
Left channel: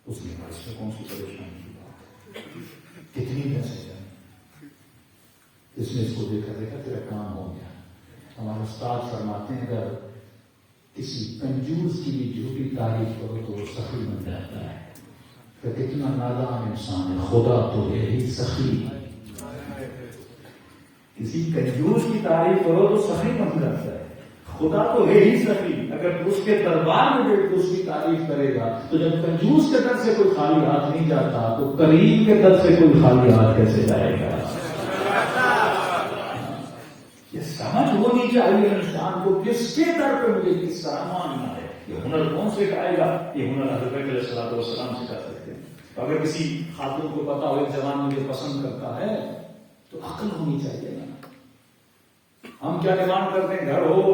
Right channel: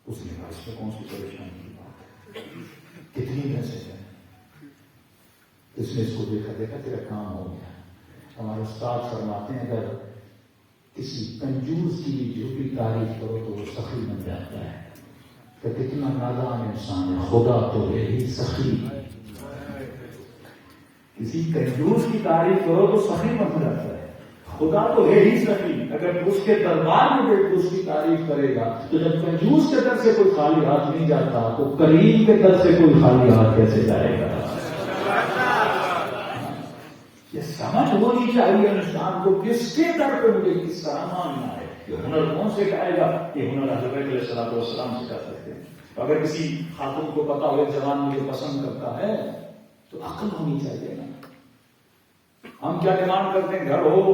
اس نے کہا اس میں کون سی پریشانی کی بات ہے، کتنی بھینسیں چاہیے؟ اس نے اس کو دیکھا تیرا کام ہو گیا۔ ہمارے استاد فرماتے ہیں اگر کسی کنجوس کی بھی جھوٹی تعریف کرو تو وہ سخی بن جاتا ہے، تو کتنا نادان انسان ہے، خدا تو ہے ہی سخی۔ کسی کنجوس کی تعریف کرو تو سخی بن جاتا ہے، خدا تو ہے ہی سخی۔ اگر اس کے دربار میں بیٹھ کے اس کی تعریف کرے گا تو جب کنجوس کے در سے کوئی خالی ہاتھ نہیں جاتا تو کریم کے در سے کوئی خالی ہاتھ کیسے جائے گا؟ یہ سمجھ ہونی چاہیے انسان کو کس کے در پہ مجھے کس طرح ماننا ہے۔ یہ ہنر کون سے کہے گا؟ یہ ہنر حضرت علیہ الصلوۃ والسلام سے کر سکتے ہیں۔ اگر کسی خاتون کو پتا ہو ایک جوان مجھے پسند کرتا ہے تو عقل ہونی چاہیے نا۔ ہم کیا ڈیمانڈ کرتے ہیں؟ گھر ہو،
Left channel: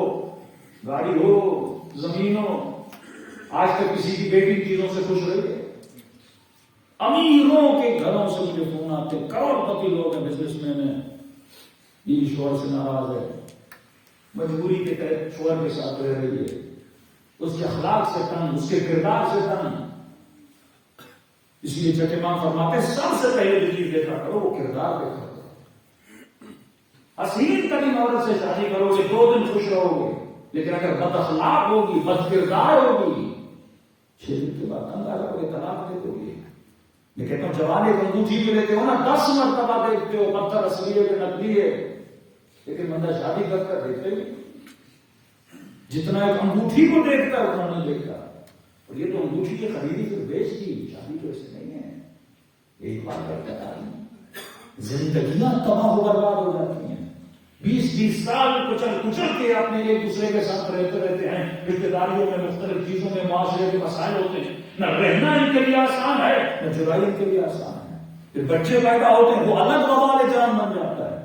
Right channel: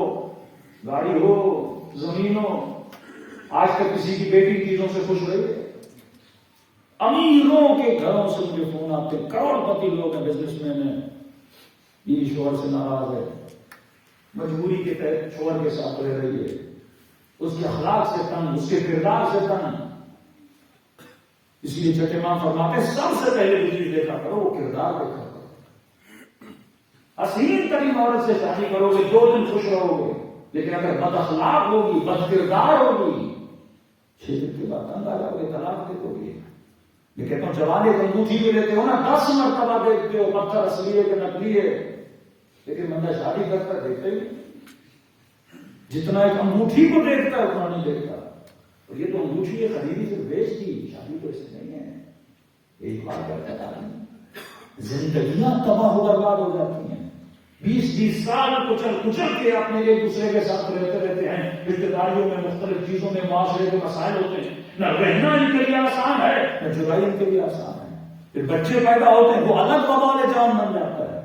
گاڑی ہو، زمین ہو۔ آج تک کسی کی بیٹی چیزوں سے خوش رہی ہے؟ امیروں کے گھروں سے مجھے فون آتے، کروڑ پتی لوگ ہیں، بزنس مین ہیں، یہ شوہر سے ناراض ہے، مجبوری کے تحت شوہر کے ساتھ رہ رہی ہے، اس کے اخلاق سے تنگ، اس کے کردار سے تنگ۔ اس لیے چھٹے امام فرماتے ہیں سب سے پہلے جو چیز دیکھا کرو وہ کردار دیکھا کرو۔ حسین ترین عورت سے شادی کرو گے 2 دن خوش رہو گے، لیکن اگر بد اخلاق ہوگی، بد کردار ہوگی، 6 دن کے بعد تنگ آ جاؤ گے، طلاق دے دو گے۔ میں کہتا ہوں جوان ایک انگوٹھی میں لیتے ہو نا 10 مرتبہ دیکھتے ہو پتھر اصلی ہے کہ نقلی ہے، لیکن بندہ شادی کرتا دیکھتے ہی جتنا ایک انگوٹھی کو دیکھتا ہے اتنا نہیں دیکھتا۔ اور یہ تو انگوٹھی ہے خریدی پھر بیچ دی، شادی تو ایسے نہیں ہے، ایک بار کرتا ہے آدمی، زندگیاں تباہ و برباد ہو جاتی ہیں، 20 سال کچل کے اپنے ایک دوسرے کے ساتھ رہتے ہیں، رشتے داریوں میں مختلف چیزوں میں معاشرے کے مسائل ہوتے ہیں، نہ رہنا ان کے لیے آسان ہے نہ جدائی ان کے لیے آسان ہے، پھر بچے پیدا ہوتے ہیں وہ الگ وبال جان بن جاتا ہے،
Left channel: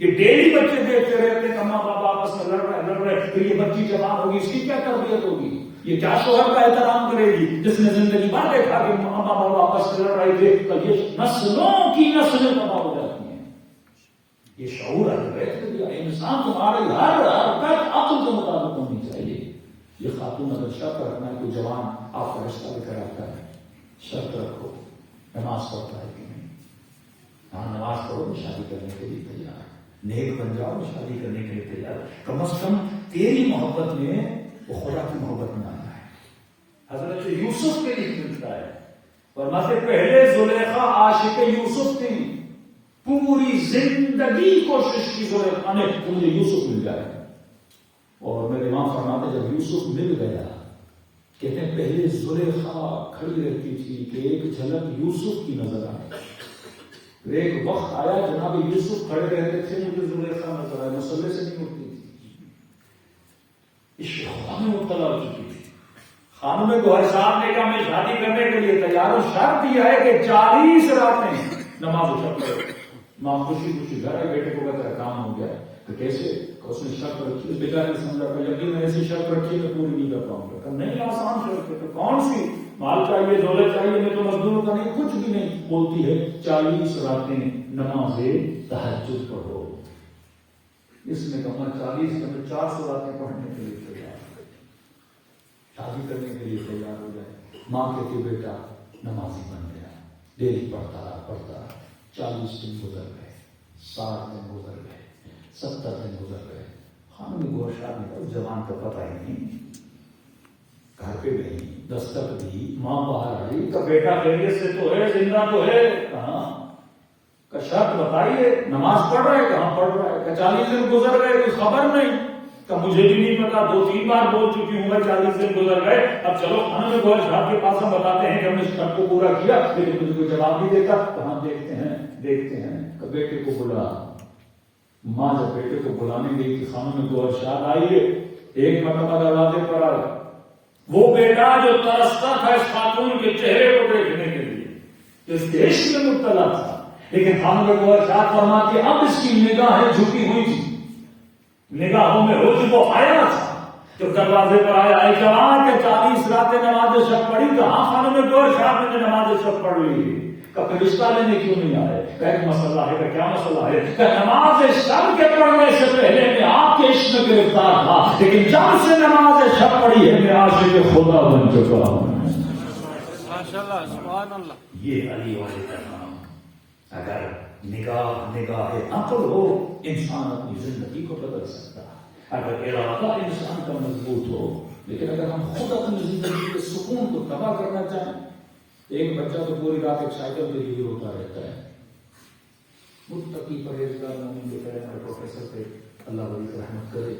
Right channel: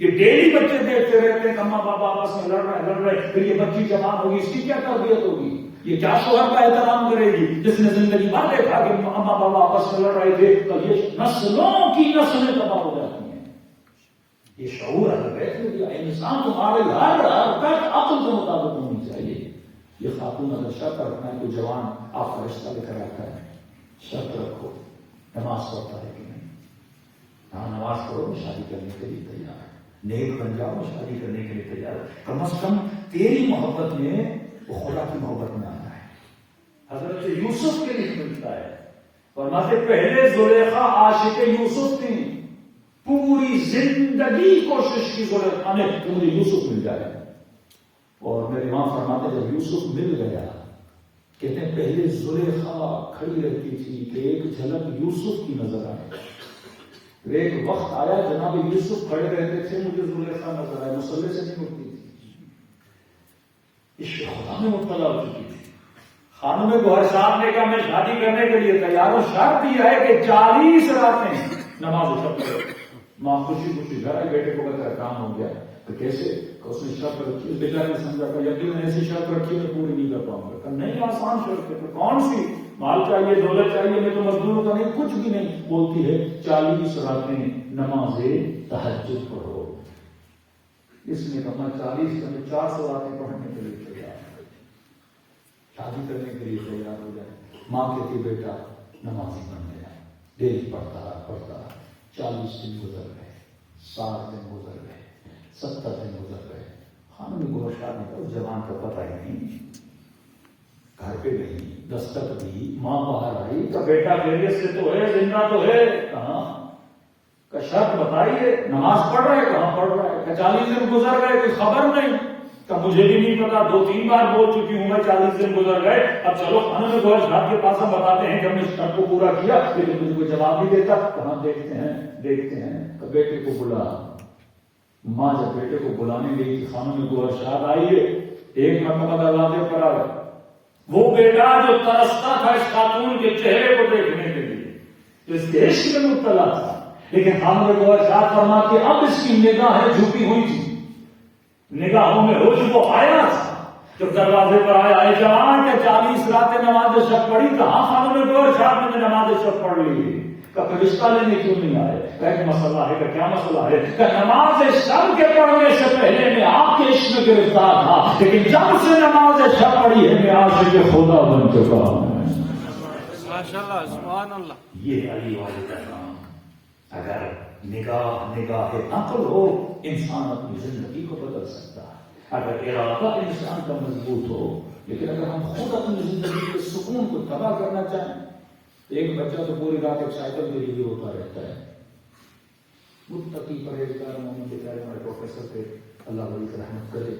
یہ ڈیلی بچے دیکھتے رہتے ہیں ماں باپ آپس میں لڑ رہے پھر یہ بچی جوان ہوگی، اس کی کیا تربیت ہوگی، یہ کیا شوہر کا احترام کرے گی جس نے زندگی بھر دیکھا کہ ماں باپ آپس میں لڑ رہے تھے، تو یہ نسلوں کی نسلیں تباہ ہو جاتی ہیں۔ یہ شعور انسان تمہارے ہر حرکت عقل کے مطابق ہونی چاہیے۔ یہ خاتون اگر شرط رکھنا ہے تو جوان آپ کا رشتہ لے کر آتا ہے، شرط رکھو نماز پڑھتا ہے کہ نہیں، ہاں نماز پڑھو شادی کرنے کے لیے تیار، نیک بن جاؤ شادی کرنے کے لیے تیار، کم از کم تیری محبت میں وہ خدا کی محبت میں آنا ہے۔ حضرت یوسف کے لیے ملتا ہے، فرماتے پہلے زلیخا عاشق یوسف تھی، پوری زندگی کوشش کی زلیخا نے کہ مجھے یوسف مل جائے، اور میرے امام فرماتے جب یوسف مل گیا، کہتے ہیں پہلے زلیخا کھڑی رہتی تھی کہ ایک جھلک یوسف کی نظر آئے، پھر ایک وقت آیا جناب یوسف کھڑے رہتے تھے مجھے زلیخا نظر آئے، مسلح سے نہیں اٹھتی تھی، اس خدا میں مبتلا ہو چکی تھی۔ خانم گوہر صاحب نے کہا میں شادی کرنے کے لیے تیار ہوں، شرط یہ ہے کہ 40 راتیں نماز شب کرے۔ ماں خوشی خوشی گھر آئے، بیٹے کو کہتا ہے کام ہو گیا، تو کیسے اس نے شرط رکھی، بیچارے نے سمجھا کہ جب بھی میں ایسی شرط رکھی میں پوری نہیں کر پاؤں گا، کہ نہیں آسان شرط ہے، تو کون سی، مال چاہیے دولت چاہیے، میں تو مزدوروں کا نہیں، کچھ بھی نہیں، بولتی ہے 40 راتیں نماز تہجد پڑھو۔ اس نے کہا 40 کا 400 راتیں پڑھنے کے لیے تیار، شادی کرنے کے لیے تیار ہو جائے۔ ماں کہتی بیٹا نمازی بن گیا، ڈیلی پڑھتا رہا، 40 دن گزر گئے، 60 دن گزر گئے، 70 دن گزر گئے، خانم گوہر صاحب نے اس جوان کا پتہ ہی نہیں، گھر پہ گئی، دستک دی، ماں باہر آئی کہ بیٹا خیریت سے تو ہے، زندہ تو ہے، کہاں کا شرط بتائیے، نماز پڑھ رہے کہاں پڑھ رہا ہے، کہ 40 دن گزر گئے کوئی خبر نہیں، کہ مجھے بھی نہیں پتا، 2-3 بار بول چکی ہوں میں 40 دن گزر گئے، اب چلو خانم گوہر صاحب کے پاس ہم بتاتے ہیں کہ ہم نے اس شرط کو پورا کیا، لیکن مجھے کوئی جواب نہیں دیتا، کہاں دیکھتے ہیں کہ بیٹے کو بلا۔ ماں جب بیٹے کو بلانے گئی کہ خانم گوہر صاحب آئیے، ایک مرتبہ دروازے پر آئے، وہ بیٹا جو ترستا تھا اس خاتون کے چہرے کو دیکھنے کے لیے، اس کے عشق میں مبتلا تھا، لیکن خانم گوہر صاحب فرماتی اب اس کی نگاہیں جھکی ہوئی تھی، نگاہوں میں حجب وہ آیا تھا، جب دروازے پر آیا اے جوان کہ 40 راتیں نماز شب پڑھی، کہاں خانم گوہر صاحب نے نماز شب پڑھ لی، کہ پھر رشتہ لینے کیوں نہیں آئے، کہ ایک مسئلہ ہے، کہ کیا مسئلہ ہے، کہ نماز شب کے پڑھنے سے پہلے میں آپ کے عشق میں گرفتار تھا، لیکن جب سے نماز شب پڑھی ہے میں عاشق خدا بن چکا ہوں۔ سبحان اللہ، یہ علی والے کا نام، اگر نگاہ عقل ہو انسان اپنی زندگی کو بدل سکتا ہے، اگر ارادہ انسان کا مضبوط ہو، لیکن اگر ہم خود اپنی زندگی کے سکون کو تباہ کرنا چاہیں، ایک بچہ تو پوری رات ایک سائیکل کے لیے ہوتا رہتا ہے، متقی پرہیزگار مومن جو کہہ ہمارے پروفیسر تھے، اللہ ولی کی رحمت کرے،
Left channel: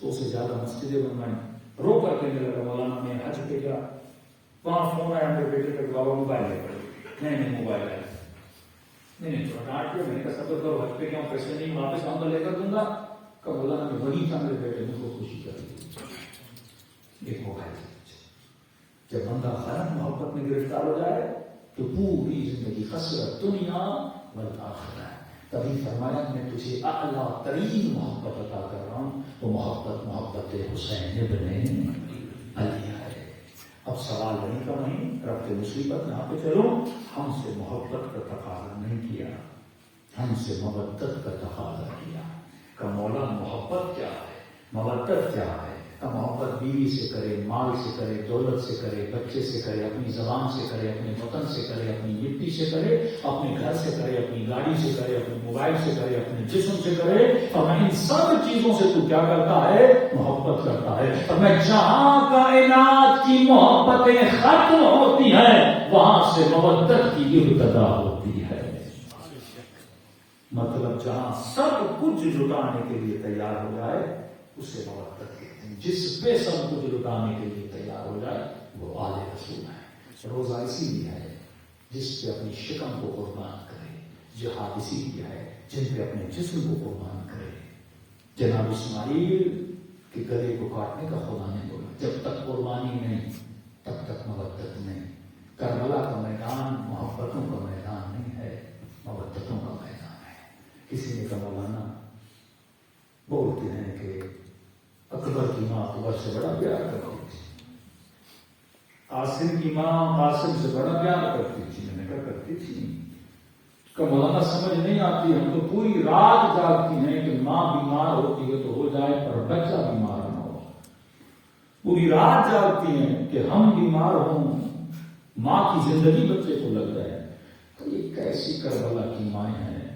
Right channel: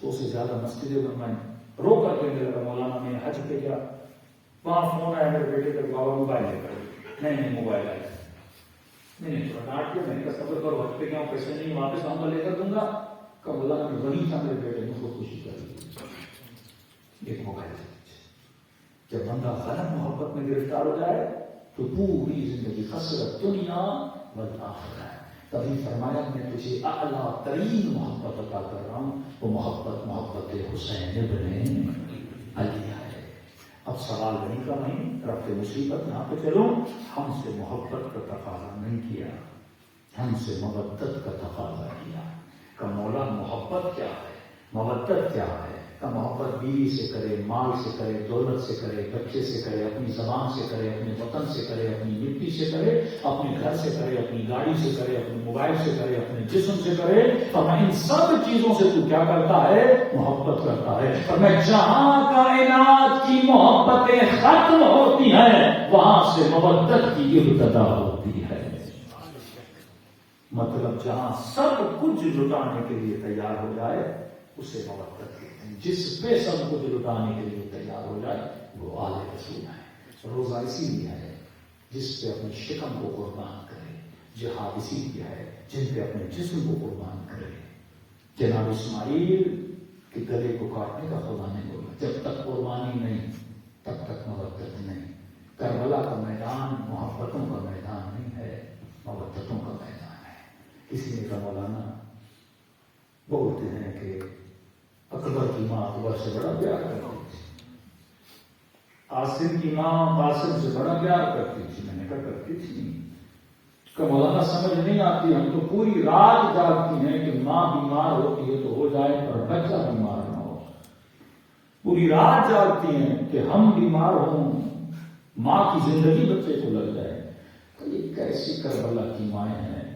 100 سے زیادہ مسجدیں بنوائیں، رو کر کے میرا مولانا میں حج پہ گیا، وہاں فون آیا میرے بیٹے کا، بابا موبائل لے کر، نہیں موبائل آیا، نہیں تھوڑا ڈانٹ کے، میں نے کہا صبر کرو، حج پہ کیا پیسے نہیں واپس آؤں گا لے کر دوں گا، کہ مولانا میں ولی تھا میرے بیٹے نے کو خوشی کر لی، ایک موبائل۔ جب بندہ غلط محبت میں گرفتار ہو جائے تو پوری زندگی خسرت دنیا والآخرہ ہے۔ تبھی فرمایا میں تجھے اعلیٰ ترین محبت عطا کر رہا ہوں، وہ محبت حسین ابن علی ہے۔ اب سوال نہیں کا نہیں، رب مصیبت یہاں پہ چلو، ہم سے محبت کا تقاضا نہیں کیا، ہم سے مودت کا تقاضا کیا، کہ مولا محبت کیا ہے، مودت کیا ہے، کہ محبت بیوی سے کرے، مال سے کرے، دولت سے کرے، بچے سے کرے، اپنی زبان سے کرے، اپنے وطن سے کرے، اپنی مٹی سے کرے، اپنے گھر سے کرے، اپنی گاڑی سے کرے، اپنے موبائل سے کرے، اپنے جسم سے کرے، اور ان سب چیزوں سے تو کیا کرتا ہے، محبت کرتا ہے۔ اور میں جہاں کائنات کی محبتیں ختم ہوتی ہیں وہاں سے مودت کی ابتدا ہوتی ہے۔ مطلب جہاں سب کچھ لٹانے کے لیے تیار ہو جائے اسے مودت کہتے ہیں۔ ہیں. جس پہ سب کچھ لٹانے کے لیے تیار ہو جائے وہ آل رسول ہے. روزہ اسی لیے ہے جس پہ اپنی شکم کو قربان کرے. جہاد اسی لیے ہے جن پہ اپنے جسم کو قربان کرے. جناب اسماعیل کے گلے کو کاٹنے کا خدا نے بولا جب تک قربانی نہیں تب تک مودت نہیں. کربلا کا میدان محبتوں کا میدان نہیں ہے، مودتوں کا میدان ہے. کسی نے کہا مولانا بولتے ہیں کہ اکبر کی ماں اکبر سے بڑا پیار کرتی تھی، قاسم کی ماں قاسم سے بڑا پیار کرتی تھی. میں نے کہا کرتی تھی کہ مولانا سمجھ نہیں آتی، ہم تو پوری رات جاگتی ہیں کہ ماں بیمار ہوتی ہے تو ہو جائے پر بچہ بیمار نہ ہو. پوری رات جاگتی ہیں کہ ہم بیمار ہوں، ماں کی زندگی بچے کو لگ جائے. تو یہ کیسی کربلا کی مائیں ہیں.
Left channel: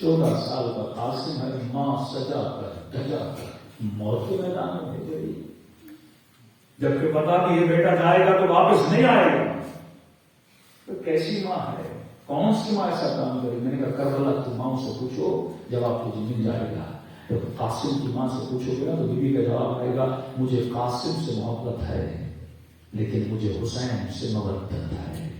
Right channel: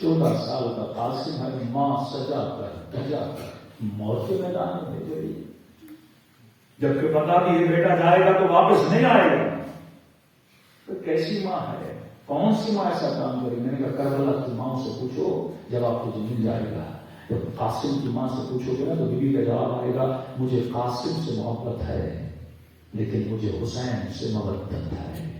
14 سال کا قاسم ہے، ماں سجا کر دجا کر موت کے میدان میں بھیج رہی. جبکہ پتا بھی یہ بیٹا جائے گا تو واپس نہیں آئے گا. تو کیسی ماں ہے، کون سی ماں ایسا کام کرے. میں نے کہا کربلا کی ماں سے پوچھو جواب تجھے مل جائے گا. جب قاسم کی ماں سے پوچھو گے نا تو بیوی کا جواب آئے گا مجھے قاسم سے محبت ہے لیکن مجھے حسین سے مودت ہے.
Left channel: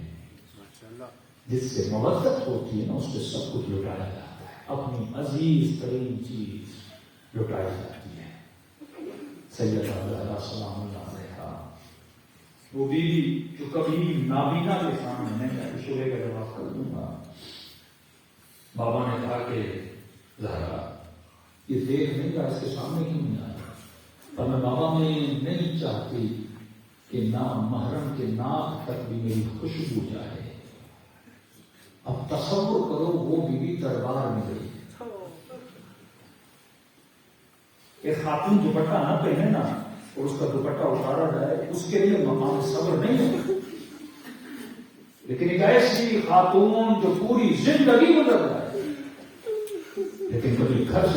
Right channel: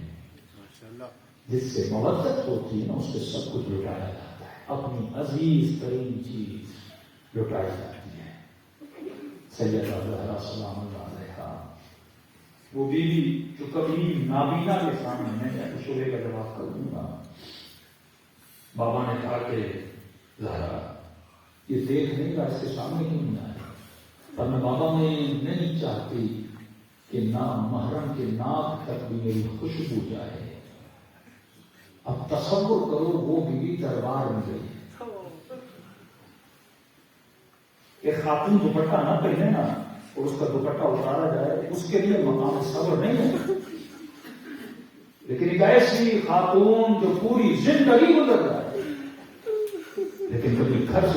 جس سے مودت ہوتی ہے نا اس سے سب کچھ لٹایا جاتا ہے. اپنی عزیز ترین چیز لٹائی جاتی ہے. سیدہ زہرا سلام اللہ علیہا وہ بیوی جو کبھی نابینا کے سامنے میں شعرے کا جواب کر دوں گا. بابا نے کہا کہ زہرا یہ دیکھ نہیں رہا، اس کے سامنے کیوں نہیں آیا. اور میں بابا میں نہیں چاہتی کہ نام محرم کے ناک تک بھی میری خوشبو جائے. اب تصور کرو وہ بیوی دربار میں گئی، ایک خاتون دوپٹہ نہ پہنے نا اور اس کا دوپٹہ اتارا جائے اس کے لیے مقام صبر نہیں ہے. لیکن ایک ایسی خاتون جو پوری زندگی گزر جائے لیکن کبھی گھر سے